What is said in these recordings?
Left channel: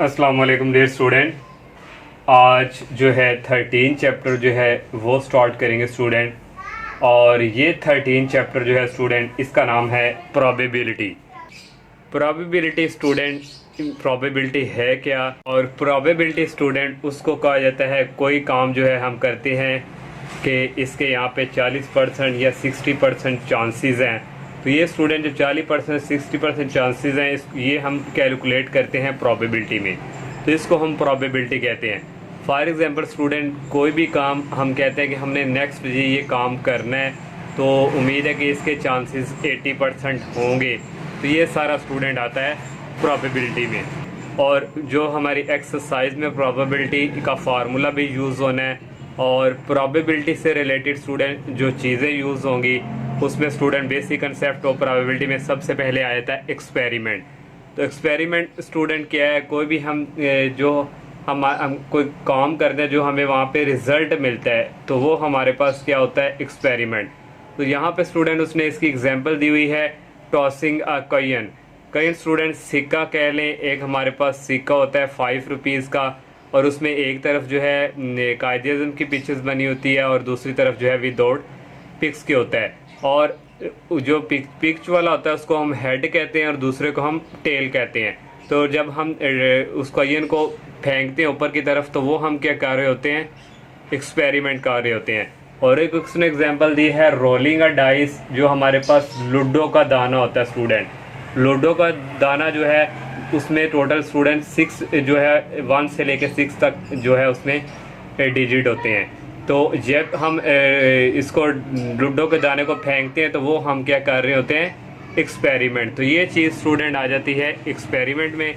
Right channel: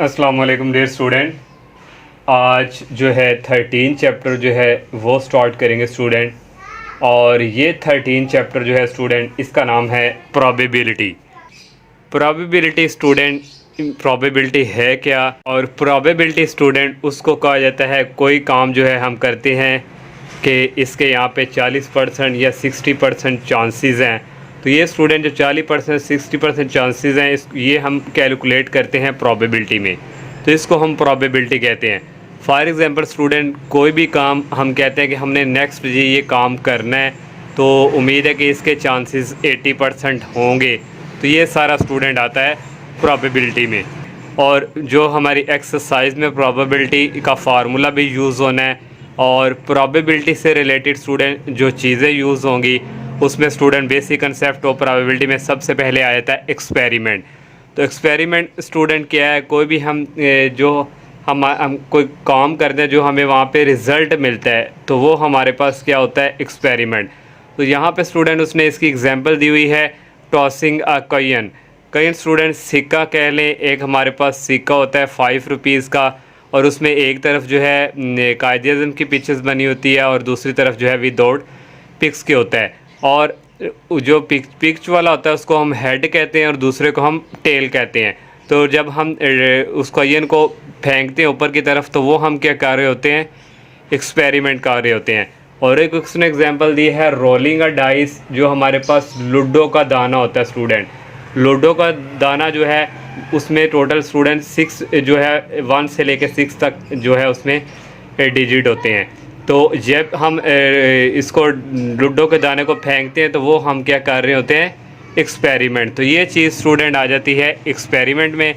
अस्सलाम वालेकुम dear student. आज जो है 13 चैप्टर जो है वो स्टार्ट करेंगे स्टूडेंट। और ये 13 चैप्टर जो है स्टूडेंट, इसका नाम है प्रोबेबिलिटी। प्रोबेबिलिटी स्टूडेंट, प्रोबेबिलिटी है क्या? और प्रोबेबिलिटी स्टूडेंट उसको कहा जाता है कोई काम जो है हम करते हैं कि इसके यहाँ पे 40% या 60% चांसेस हैं। तो ये स्टूडेंट जो 40% 60% चांसेस हैं ये हम कैलकुलेट करते हैं प्रोबेबिलिटी में, तो इसको हम प्रोबेबिलिटी कहते हैं। फॉर एग्ज़ाम्पल स्टूडेंट, कोई भी काम हम कहते हैं कि हमने नेक्स्ट ये काम करना है, तो उम्मीद है कि इसके चांसेस 80% होंगे। तो ये सारा स्टूडेंट आता है प्रोबेबिलिटी में। और जो हमारी एक्सरसाइज में प्रोबेबिलिटी का फार्मूला भी यूज़ होना है, और प्रोबेबिलिटी से रिलेटेड स्टूडेंट जो चीज़ें यूज़ होंगी उसमें student basic concept of probability में सबसे पहले आ जाता है एक्सपेरिमेंट। तो एक्सपेरिमेंट स्टूडेंट क्या है? कोई भी हम कोई काम करते हैं जो हमें वहाँ पे रिज़ल्ट मिलता है, तो वो हमारे पास क्या होता है? एक्सपेरिमेंट। तो यहाँ पे स्टूडेंट उसने इसकी एग्जांपल दी हुई है टॉसिंग अ कॉइन। कई स्टूडेंट सिक्का कह लें, एक हमारे पास सिक्का होता है 5 रुपीज़ का, और उसमें एक तरफ जो है कायदे-ए-आज़म की पिक्चर्स बनी होती है और दूसरी तरफ जो है विदाउट पिक्स के होता है। और जो पिक्च वाला होता है उसको हम हेड कहते हैं और दूसरे को हम टेल कहते हैं। तो जब हम उस कॉइन को फेंकते हैं ऊपर की तरफ, तो वो हम क्या कर रहे होते हैं? एक्सपेरिमेंट कर रहे होते हैं। और एक उसने एग्जांपल दी है रोलिंग अ डाइस, जो हमारे पास लूडो का दाना होता है स्टूडेंट। लूडो का दाना जो है उसमें टोटल स्टूडेंट 6 जो है 1 से लेकर 6 तक जो है उसमें डिजिट होते हैं। तो जब हम इसको लूडो के दाने को फेंकते हैं, तो वो हम क्या कर रहे होते हैं? एक्सपेरिमेंट। तो ये चीज़ स्टूडेंट आ जाती है एक्सपेरिमेंट में।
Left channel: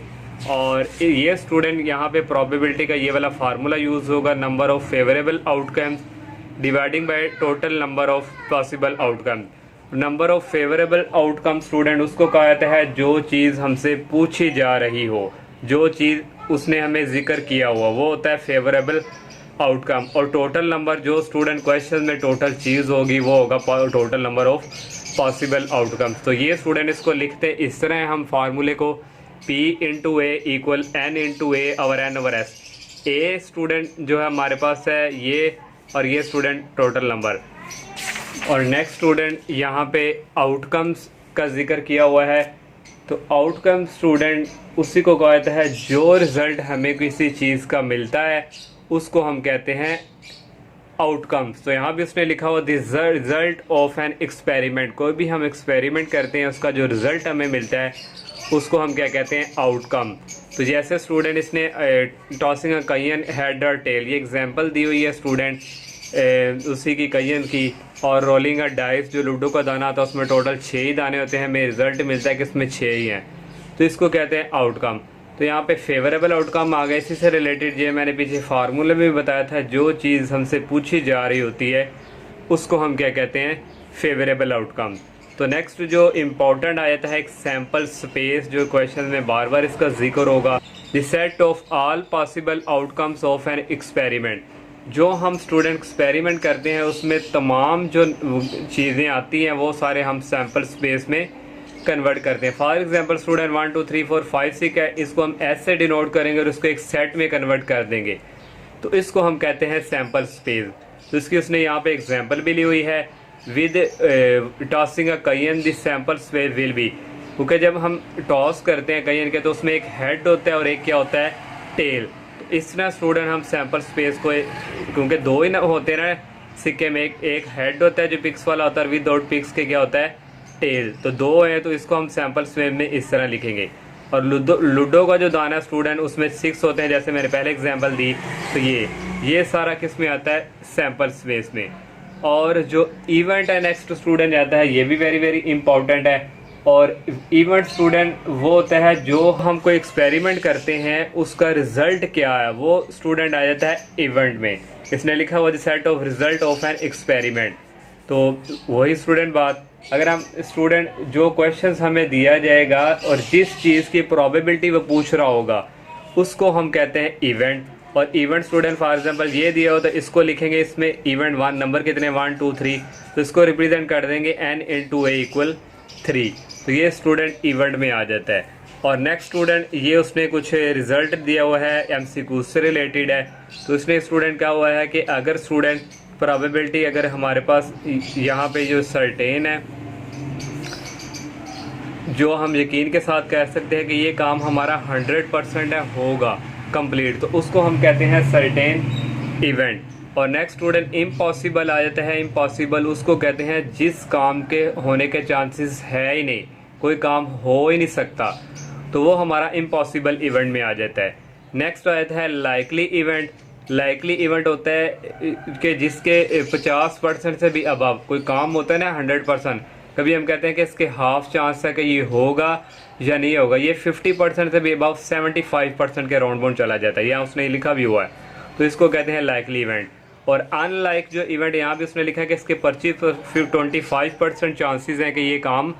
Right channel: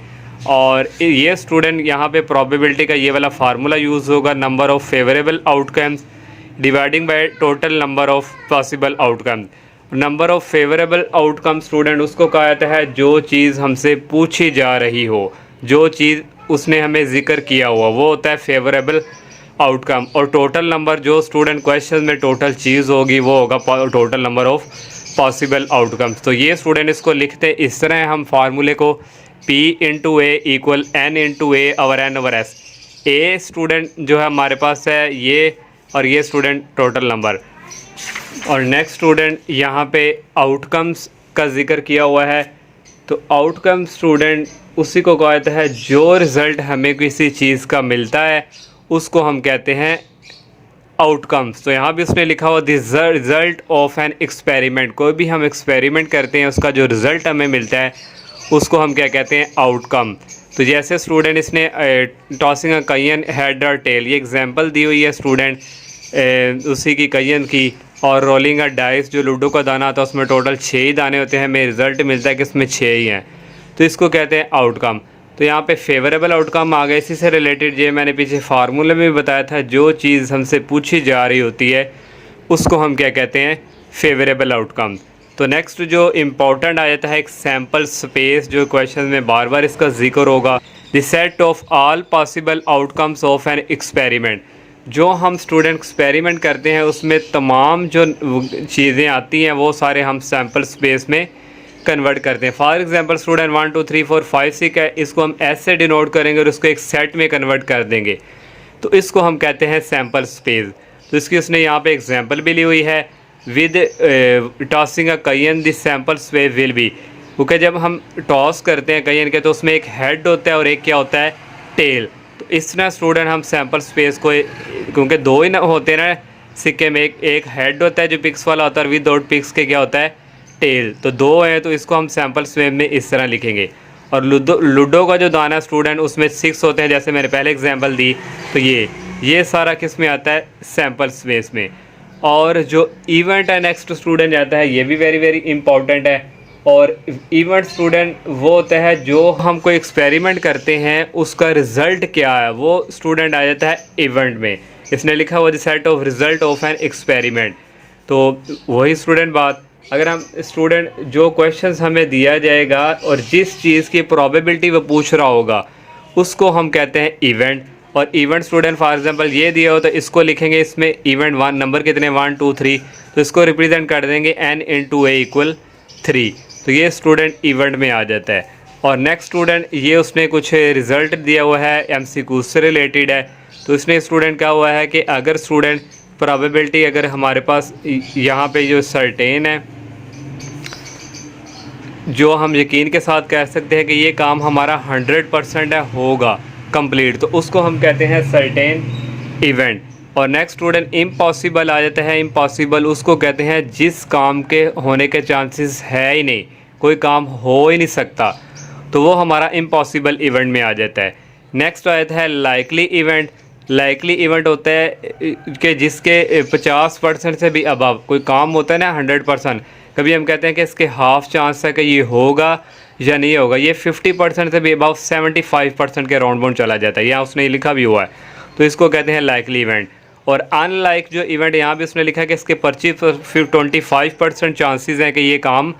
और ये स्टूडेंट यहाँ पे प्रोबेबिलिटी का ये वाला फार्मूला यूज़ होगा, number of favourable outcomes dividing by total number of possible outcome. Number of favourable outcome student उसको कहा जाता है जो चीज़ हमसे पूछी जा रही हो, जो चीज़ उसने हमें जिक्र किया हुआ, वो होता है फेवरेबल आउटकम। और टोटल नंबर जो स्टूडेंट क्वेश्चन में टोटल चीज़ होगी वो होगा total number of possible outcomes. तो ये स्टूडेंट इसको लिखते हैं इस तरह, हम फार्मूले को P इंटू ए इक्वल N इंटू ए और N over S। A student जो है हमारे पास है ये, और ये स्टूडेंट टोटल नंबर। और नेक्स्ट स्टूडेंट यहाँ पे आउटकम्स का जिक्र किया हुआ है। तो आउटकम स्टूडेंट उसी को कहा जाता है जो रिज़ल्ट हमें किसी चीज़ का मिलता है उसको हम कहते हैं आउटकम्स। तो यहाँ भी उसने लिखा हुआ this result of an experiment. कोई भी हम एक्सपेरिमेंट करते हैं उसका जो रिज़ल्ट हमें मिलता है उसको हम क्या कहते हैं? आउटकम। तो जैसे स्टूडेंट इसने टॉसिंग अ कॉइन हेड और टेल, ये एग्जांपल दी हुई है स्टूडेंट उसी की कॉइन की। और रोलिंग अ डाइस, जो लूडो का दाना आता है उसमें टोटल 6 ही दाने होते हैं, हमें रिज़ल्ट मिलता है कि इसमें 6 ही हैं, तो इसको कहते हैं आउटकम। तो यहाँ पे फेवरेबल आउटकम आ गया। इसी से रिलेटेड ये मैंने पीछे फार्मूले में भी बताया था, जो चीज़ हमसे पूछी जा रही होती है उसको हम क्या कहते हैं? Favourable outcome. तो नेक्स्ट जो इम्पोर्टेंट आ जाता है एक सैम्पल स्पेस, जो क्वेश्चन में बार बार इसका जिक्र होगा। The set of all possible outcomes of an experiment. जो हम स्टूडेंट एक्सपेरिमेंट करते हैं उसमें तमाम जो चीज़ें आती हैं वो सारे हम सैम्पल स्पेस में कन्वर्ट करते हैं। फॉर एग्जांपल स्टूडेंट 1 2 3 4 5 6 है, इसको हम ऐसे डिनोट करेंगे और उसको एक सेट में कन्वर्ट कर देंगे, तो इसको हम कहते हैं सैम्पल स्पेस। तो इसकी उसने यहाँ पे एग्जांपल भी ली हुई है with tossing a coin this sample space will be. क्योंकि जब हम टॉस करते हैं कॉइन के तो उसमें एक हेड होता है और एक क्या होता है? टेल। तो इस तरह स्टूडेंट हम सैम्पल स्पेस को, क्योंकि 2 ही ना होते ना सिक्के में, एक हेड होता है जो पिक्स वाला होता है और विदाउट पिक्स के क्या होता है? टेल। तो 2 है, तो इसको हम सैम्पल स्पेस में इस तरह लिखेंगे। और लूडो का जो दाना स्टूडेंट उसमें 6 होते हैं, जैसे मैंने पहले एग्जांपल दी। तो ये सारा किस में आता है? सैम्पल स्पेस में। और जो इवेंट है नेक्स्ट स्टूडेंट आता है, ये भी वेरी वेरी इंपॉर्टेंट है। और इवेंट स्टूडेंट वो होता है जो हम कोई एक्सपेरिमेंट करते हैं उसका रिज़ल्ट क्या है, वो स्टूडेंट आ जाता है इवेंट में। इसने लिखा हुआ the set of result of an experiment. तो वही स्टूडेंट बात, अगर हम स्टूडेंट जो क्वेश्चंस हमें दिया जाएगा और जिस चीज़ की प्रोबेबिलिटी वो पूछ रहा होगा उसको हम कहते हैं इवेंट। और इवेंट स्टूडेंट फॉर एग्जांपल ये दिया हो तो इसको लिखेंगे, इसमें इवेंट 1 नंबर कितने 1 2 3, तो इसको रिप्रेजेंट कर देंगे n इंटू ए इक्वल 3। तो ये स्टूडेंट इवेंट में आ जाता है। और नेक्स्ट स्टूडेंट ये उसने कुछ रिज़ल्ट दिया हुआ है एमसीक्यू से रिलेटेड है। तो इसमें स्टूडेंट क्या हुआ है कि अगर स्टूडेंट प्रोबेबिलिटी अगर हमारे पास यहाँ पे जो सर्टेन है, जो हम यकीन के साथ कह सकते हैं कि ये काम हमारा 100% है होगा कंप्लीट, तो उसको हम कहते हैं सर्टेन इवेंट। और नेक्स्ट स्टूडेंट इम्पॉसिबल आ जाता है। इम्पॉसिबल उसको कहते हैं जिस काम के होने के चांसेस है ही नहीं, कोई काम हो ही नहीं सकता, तो वो हमारा इम्पॉसिबल इवेंट में आ जाता है। नेक्स्ट आता है लाइकली इवेंट। लाइकली इवेंट होता है कि जिसके 50% से भी अबव कोई काम होता है ना 100%, कभी हम कहते हैं कि इसके हाफ चांस है कि ये होगा या नहीं होगा, ये 50% से भी अबव 75% के राउंड बाउंड चला जाता है, यहाँ उसने लिखा भी हुआ है, तो इसको कहते हैं लाइकली इवेंट। और अनलाइक जो इवेंट यहाँ भी उसने लिखा है कि इसके 25% चांसेस हैं कि ये काम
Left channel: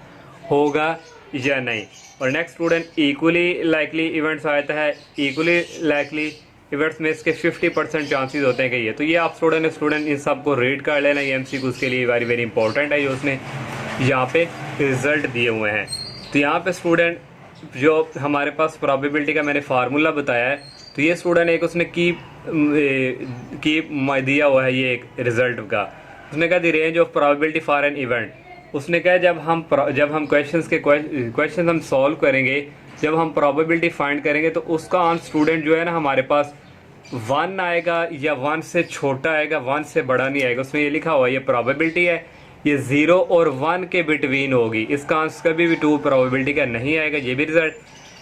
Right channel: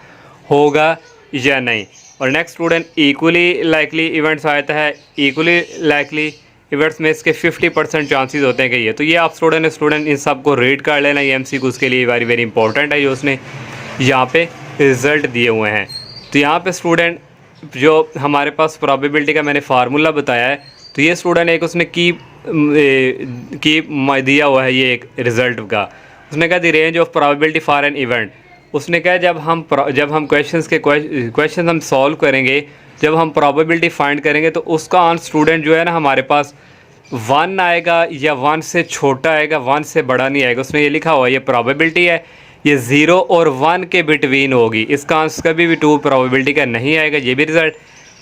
होगा या नहीं। और next student equally likely events आता है। इक्वली लाइकली इवेंट्स में इसके 50% चांसेस होते हैं कि ये, तो ये आप स्टूडेंट इन सब को रीड कर लेना, ये एमसीक्यूज के लिए वेरी वेरी इंपॉर्टेंट है, जो उसने यहाँ पे रिज़ल्ट दिए हुए हैं। तो यहाँ पे स्टूडेंट जो हमारे पास प्रोबेबिलिटी का मैंने फार्मूला बताया है, तो ये स्टूडेंट एक उसने की दिया हुआ है, ये एक रिज़ल्ट का उसने कहा the range of probability for an event. उसने कहा जब हम क्वेश्चन हम सॉल्व करेंगे, जब हम प्रोबेबिलिटी फाइंड करेंगे, तो उसका आंसर स्टूडेंट जो है ना हमारे पास 1 आएगा या 1 से छोटा आएगा, 1 से बड़ा नहीं आएगा। उसमें ये लिखा हुआ है ये प्रोबेबिलिटी है, ये 0 और 1 के बिटवीन होगी, इसका आंसर कभी भी 2 प्रोबेबिलिटी का नहीं आएगा। ये भी रिजल्ट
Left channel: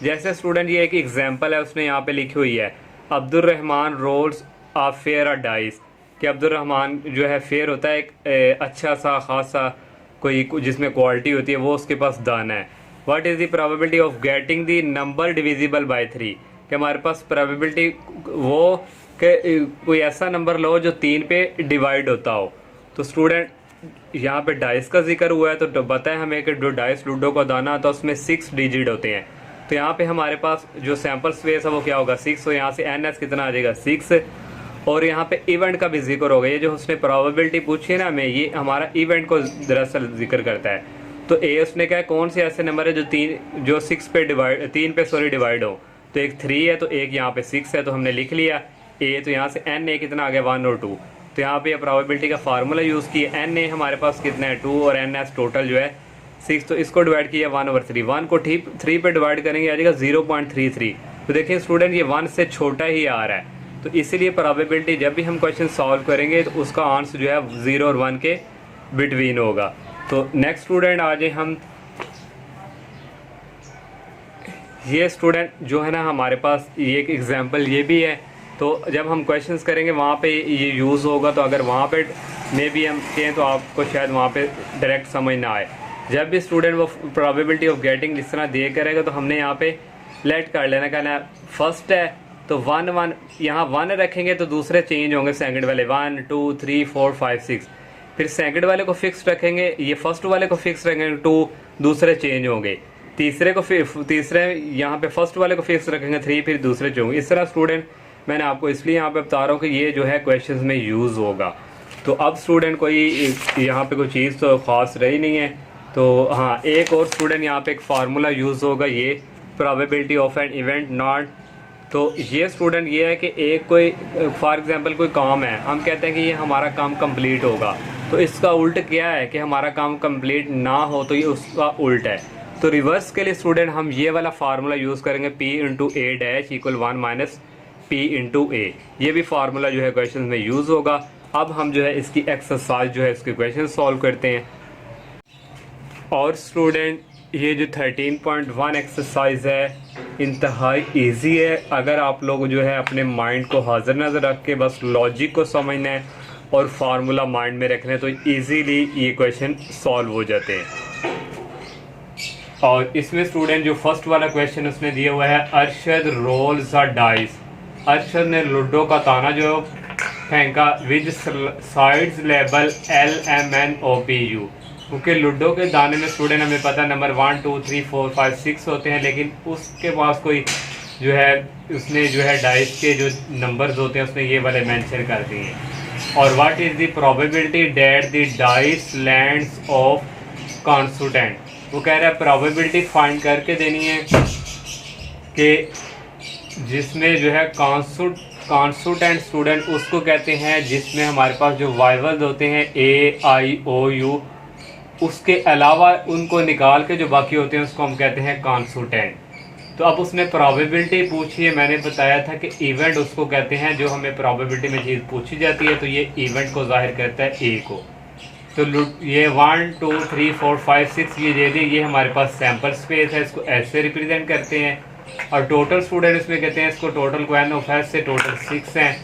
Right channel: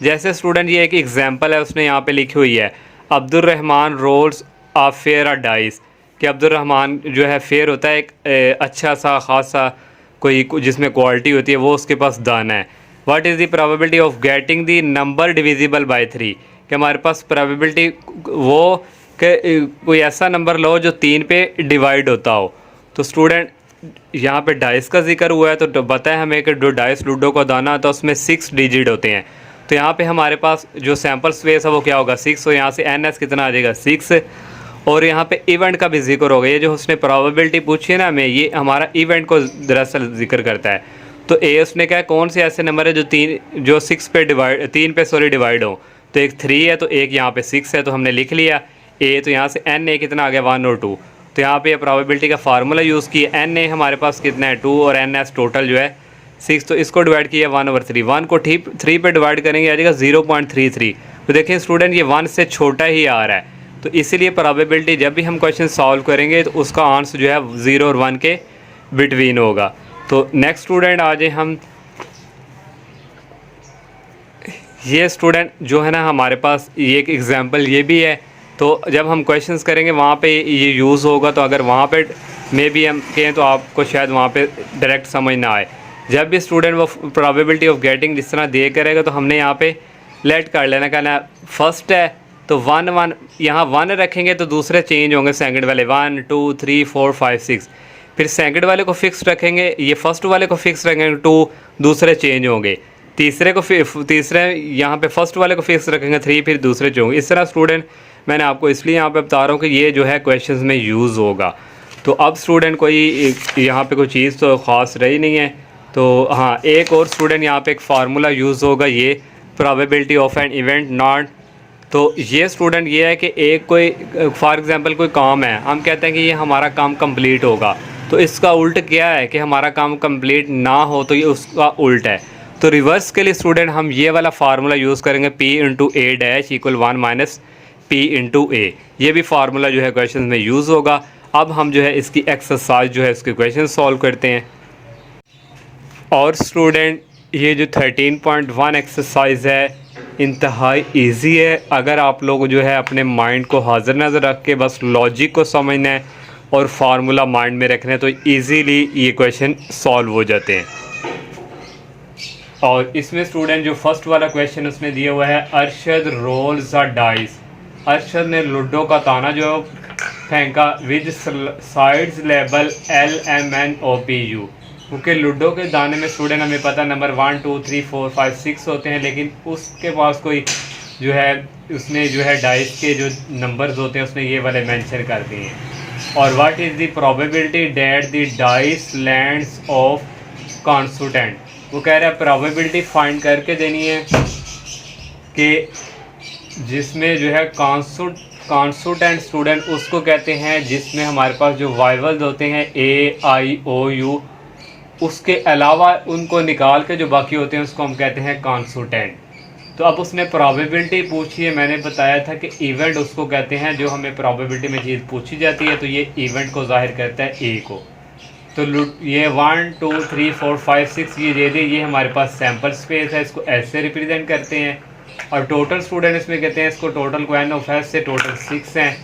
जैसे स्टूडेंट ये एक एग्जांपल है उसने यहाँ पे लिखी हुई है, अब्दुल रहमान रोल्स आ फेयर डाइस, कि अब्दुल रहमान जो है फेयर होता है एक अच्छा सा ख़ास सा कोई जिसमें क्वालिटी होती है, वो उसके पास दाना है। What is the probability of getting the number divisible by 3, कि हमारे पास प्रोबेबिलिटी वो कि कोई ऐसा नंबर लो जो 3 पे डिवाइड होता हो। तो स्टूडेंट यहाँ पे डाइस का जिक्र हुआ है, तो बताया हमें कि जो डाइस लूडो का दाना होता है उसमें 6 डिजिट होते हैं। तो यहाँ पे हमारे पास जो सैम्पल स्पेस है वो क्या होगा 6, तो यहाँ से NS कितना आ जाएगा 6। और यहाँ पे इवेंट का भी जिक्र होगा, ये जो उसने प्रोबेबिलिटी पूछी है ना हमें, ये हमारा इवेंट को दरअसल जिक्र करता है। तो ए उसने कहा कौन से ऐसे नंबर है जो 6 पे डिवाइड डिवाइड हो, तो एक 3 है, तो एक यहाँ पे 6 है, तो हमने लिख लिया ए, तो यहाँ से NA कितना आ गया 1 और 2, तो यहाँ पे प्रोबेबिलिटी का फार्मूला यूज़ किया, NA हमारे पास कितना है 2 और NS टोटल जो है 6, तो इसको डिवाइड किया 1/3, 1 को 3 पे डिवाइड करेंगे आ जाएगा 0.33। तो देखिए स्टूडेंट ये 1 से छोटा ही आ रहा है, तो इसीलिए प्रोबेबिलिटी जब भी हम क्वेश्चन सॉल्व करेंगे तो उसका आंसर जो है 0 और 1 के बिटवीन होगा। तो नेक्स्ट स्टूडेंट आ जाए हम, ये स्टूडेंट जो है ना हमारे पास ये एक एग्जांपल ये भी है, तो जब हम क्वेश्चंस करेंगे वहाँ पे ये यूज़ होगा, तो अगर वहाँ पे मे भी हम कहें तो आपको शायद वहाँ पे डायरेक्ट समझ ना आए। जब भी स्टूडेंट वो प्रोबेबिलिटी ऑफ गेटिंग इस तरह दे करेगा, तो हमने यहाँ पे लेट कर लेना, कहना फर्स्ट है तो 1 1 यहाँ 1 रखेंगे तो दूसरे चेंज होंगे सेकंड वाले 1 2 3 4 5 6, फिर सेकंड वाले को फिक्स रखेंगे, ये फर्स्ट वाले को फिक्स रखेंगे 2, दूसरे चेंज होंगे, तीसरे यहाँ पे फर्स्ट वाले को फिक्स रखेंगे 3, फिर दूसरे चेंज होंगे। इस तरह स्टूडेंट मैंने आपको इसलिए यहाँ पे बता रहा हूँ कि ये जो है क्वेश्चंस में यूज़ होगा। तो अब स्टूडेंट कोई यहाँ पे कोई चीज़ तो ख़ास रही नहीं है, तो हाँ एक और स्टूडेंट यहाँ पे एक फार्मूला यूज़ होगा, ये probability of an event not. तो ये स्टूडेंट ये है कि एक कोई फॉर एग्जांपल कोई काम है, हम कहते हैं कि ये हमारा काम कंप्लीट होगा, तो इसका उल्ट क्या है कि हमारा काम कंप्लीट ना हो, तो ये उसका उल्ट है। तो रिवर्स के लिए स्टूडेंट हम ये वाला फार्मूला यूज़ करेंगे P × A' = 1 - P × A, ये भी फार्मूला जो है क्वेश्चन में यूज़ होगा। अब हम जो है इसकी एक्सरसाइज जो है इसके क्वेश्चन सॉल्व करते हैं। और स्टूडेंट ये जो 13.1 एक्सरसाइज है इंतहाई इजी है, अगर आप लोग जो है अपने माइंड को हाजिर नज़र रख के बस लॉजिक को समझना है और फार्मूला माइंड में रखना है, तो इजीली ये क्वेश्चन सॉल्व हो जाते हैं। और इसमें स्टूडेंट जो फर्स्ट वाला क्वेश्चन उसने दिया हुआ है, Arshad rolls a dice, Arshad ने लूडो का ताना जो फेंका विद साइड्स लेबल LMNOPU, क्योंकि लूडो के दाने में स्टूडेंट हमें पता है नंबर 1 2 3 4 5 6 होते हैं, लेकिन उसके पास कोई जो है उसने जो है डाइस के जो नंबर्स होते हैं उसने ये वाले मेंशन कर दिए हैं। और what is the probability that the dice lands of constant, वो कह रहा है प्रोबेबिलिटी फाइंड करके देनी है कि जिसमें जो है कॉन्सोनेंट स्टूडेंट उसको कहते हैं जिसमें हमारे पास जो वाइवल्स होते हैं ए आई ओ यू, उसके अलावा उनको निकाल के जो बाकी होते हैं उसको हम कहते हैं कॉन्सोनेंट। तो अब उसने प्रोबेबिलिटी पूछी है, मैंने बताया था कि इवेंट उसको कहते हैं जो हमें प्रोबेबिलिटी में चीज़ पूछी जाती है, तो ये इवेंट को जाहिर करता है ए को। तो ये 1 2 3 4 5 6 ये दे दी, ये हमारे पास सैम्पल स्पेस है, इसको ऐसे रिप्रेजेंट करते हैं। और टोटल स्टूडेंट इसमें कहते हैं इसको टोटल को एन ऑफ एस से टोटल 6 हैं।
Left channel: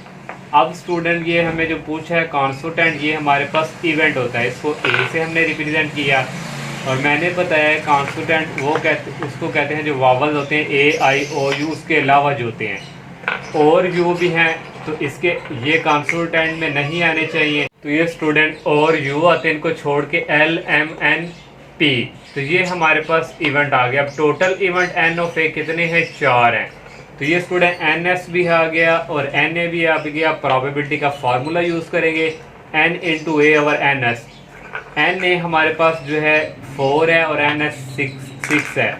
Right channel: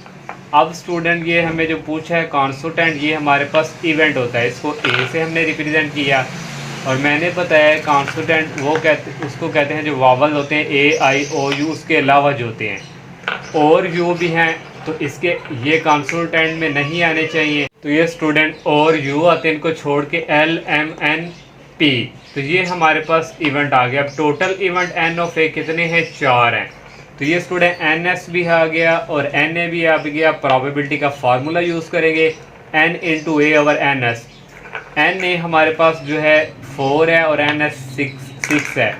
अब स्टूडेंट ये हमें जो पूछा है कॉन्स्टेंट, ये हमारे पास इवेंट होता है, इसको ए से हमने रिप्रेजेंट किया। और मैंने बताया है कॉन्स्टेंट उसको कहते हैं जो वावल्स होते हैं ए आई ओ यू, उसके अलावा जो होते हैं और यू भी हैं, तो इसके ये कॉन्स्टेंट में नहीं आने चाहिए। तो ये स्टूडेंट और यू आते हैं, इनको छोड़ के एल एम एन पी, तो ये हमारे पास इवेंट आ गया। अब टोटल इवेंट एन ऑफ ए कितने हैं? 4 हैं। तो ये स्टूडेंट एन एस भी आ गया और एन ए भी आ गया। प्रोबेबिलिटी का फार्मूला यूज़ करेंगे N into A over N S. N A हमारे पास जो है 4 है और एन एस 6 है,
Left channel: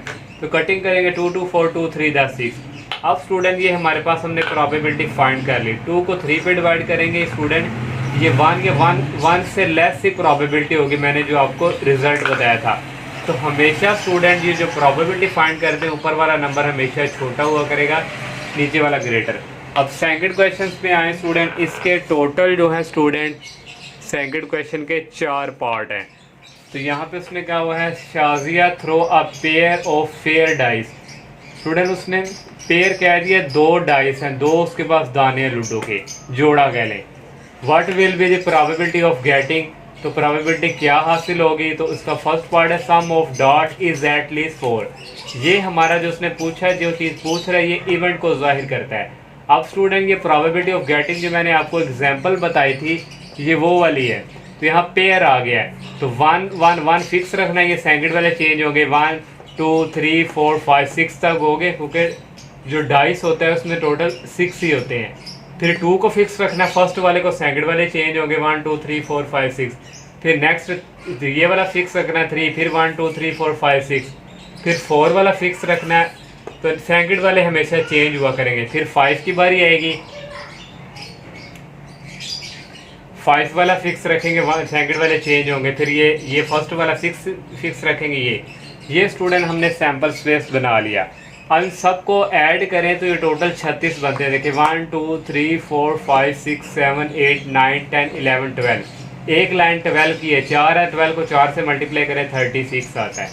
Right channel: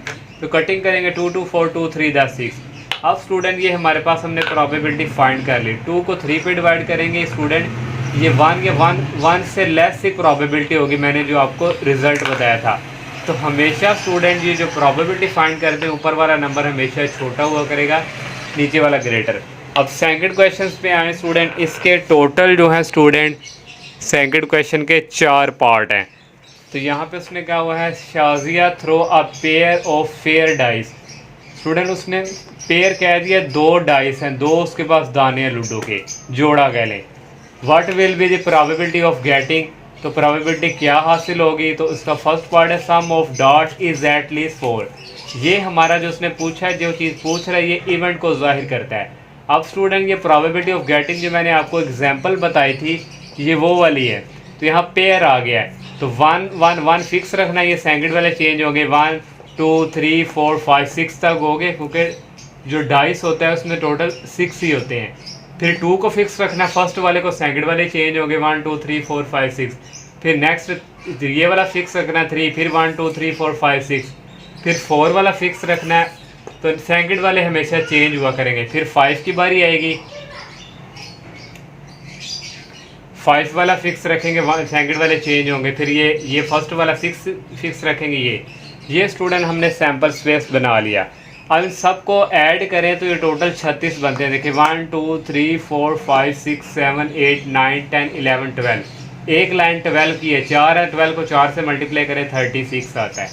तो कटिंग करेंगे 2 2 4 2 3 10 6। अब स्टूडेंट ये हमारे पास हमने प्रोबेबिलिटी फाइंड कर ली। 2 को 3 पे डिवाइड करेंगे स्टूडेंट, ये 1 से लेस ही प्रोबेबिलिटी होगी, मैंने जो आपको रिजल्ट बताया था। तो हमेशा स्टूडेंट ये जो प्रोबेबिलिटी फाइंड करते हैं ऊपर वाला नंबर हमेशा छोटा हुआ करेगा, नीचे वाला ग्रेटर। अब सेकंड क्वेश्चन पे आए स्टूडेंट, इसके टोटल जो है स्टूडेंट सेकंड क्वेश्चन के 4 पार्ट हैं। तो यहाँ पे उसने कहा हुआ है Shazia throw a pair of fair dice. Student उसने पेयर कह दिया, 2 डाइस हैं, 2 उसके पास दाने हैं लूडो के, जोड़ा कह लें। What will be the probability of getting, तो प्रोबेबिलिटी क्या हासिल होगी? तो इसका फर्स्ट पार्ट है sum of dot is at least 4। ये हमारा जो उसने पूछा है, जो चीज़ पूछ रहा है ये इवेंट को जाहिर करता है। अब स्टूडेंट ये प्रोबेबिलिटी ऑफ गेटिंग जो मैंने आपको एग्जांपल बताई थी ये वो वाली है। तो यहाँ पेयर आ गया है, तो 1 1 1 फिक्स रखना है, ये सेकंड वाले चेंज हो गए, 1 2 3 4 5 6 तक हो गए, क्योंकि जो डाइस होता है उसमें टोटल 6 ही होते हैं। फिर 2 को फिक्स रखना, फर्स्ट वाले को सेकंड वाले चेंज हो गए, 1 2 3 4 5 6। फिर नेक्स्ट ये वाला फिक्स रखना 3, फिर 1 2 3 4 5 6। फिर 4 वाला फिक्स रखना है, तो सेकंड वाले हमेशा चेंज हुआ करेंगे। फिर 5 की बारी आएगी, 5 वाला फिक्स रखेंगे, सेकंड वाले चेंज होंगे। फिर ये फर्स्ट वाला फिक्स रखेंगे। ये स्टूडेंट हमने सैम्पल स्पेस बना लिया। अब इन सबको ऐड करें तो ये टोटल 36 बनते हैं। देखिए 1 2 3 4 5 6 7 8 9 10 11 12। एक लाइन 12 की है, 4 है, 12 को 4 से मल्टीप्लाई करें 36 आता है।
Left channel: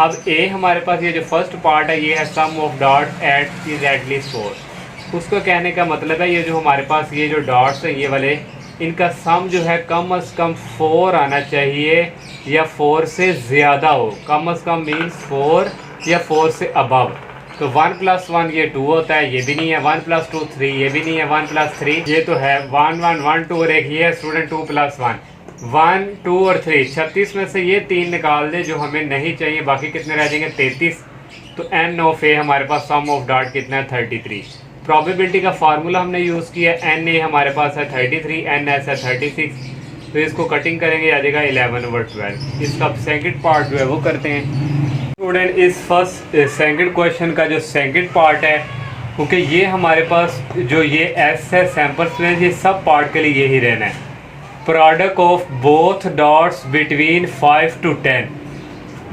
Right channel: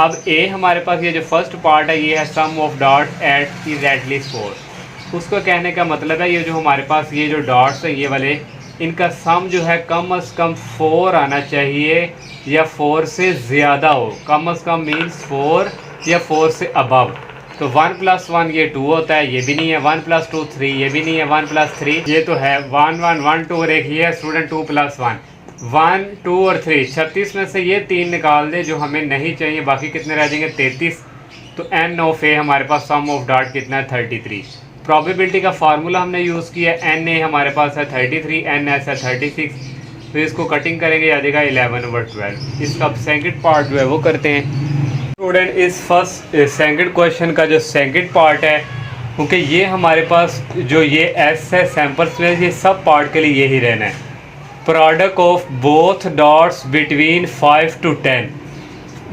अब ए हमारे पास ये जो फर्स्ट पार्ट है ये है sum of dot at is at least 4। उसको कहने का मतलब है ये जो हमारे पास ये जो डॉट्स है ये वाले, इनका सम जो है कम से कम 4 आना चाहिए या 4 से ज़्यादा हो। कम से कम मीन्स 4 या 4 से अबव। तो 1 + 1 ये 2 होता है, ये भी नहीं है। 1 + 2 3, ये भी नहीं है। 1 + 3 ये तो है 1 1 1 2 और एक ये है स्टूडेंट 2 + 1 1 2 और 3। 36 में से ये 3 निकाल दे जो हमें नहीं चाहिए, बाकी कितने रह जाएंगे? 33। तो एन ऑफ ए हमारे पास सम ऑफ डॉट कितना है? 33। प्रोबेबिलिटी का फार्मूला हमने यूज़ किया, एन ए हमारे पास है 33, एन एस है 36। तो इसको कटिंग करेंगे आ जाएगा 11/12। इसका सेकंड पार्ट जो है वो करते हैं स्टूडेंट। इस सेकंड क्वेश्चन का जो सेकंड पार्ट है, क्योंकि ये हमारे पास जो ये एस है सैम्पल स्पेस, ये सब पार्ट के लिए यही रहना है। Product of both dots between 5 to 10।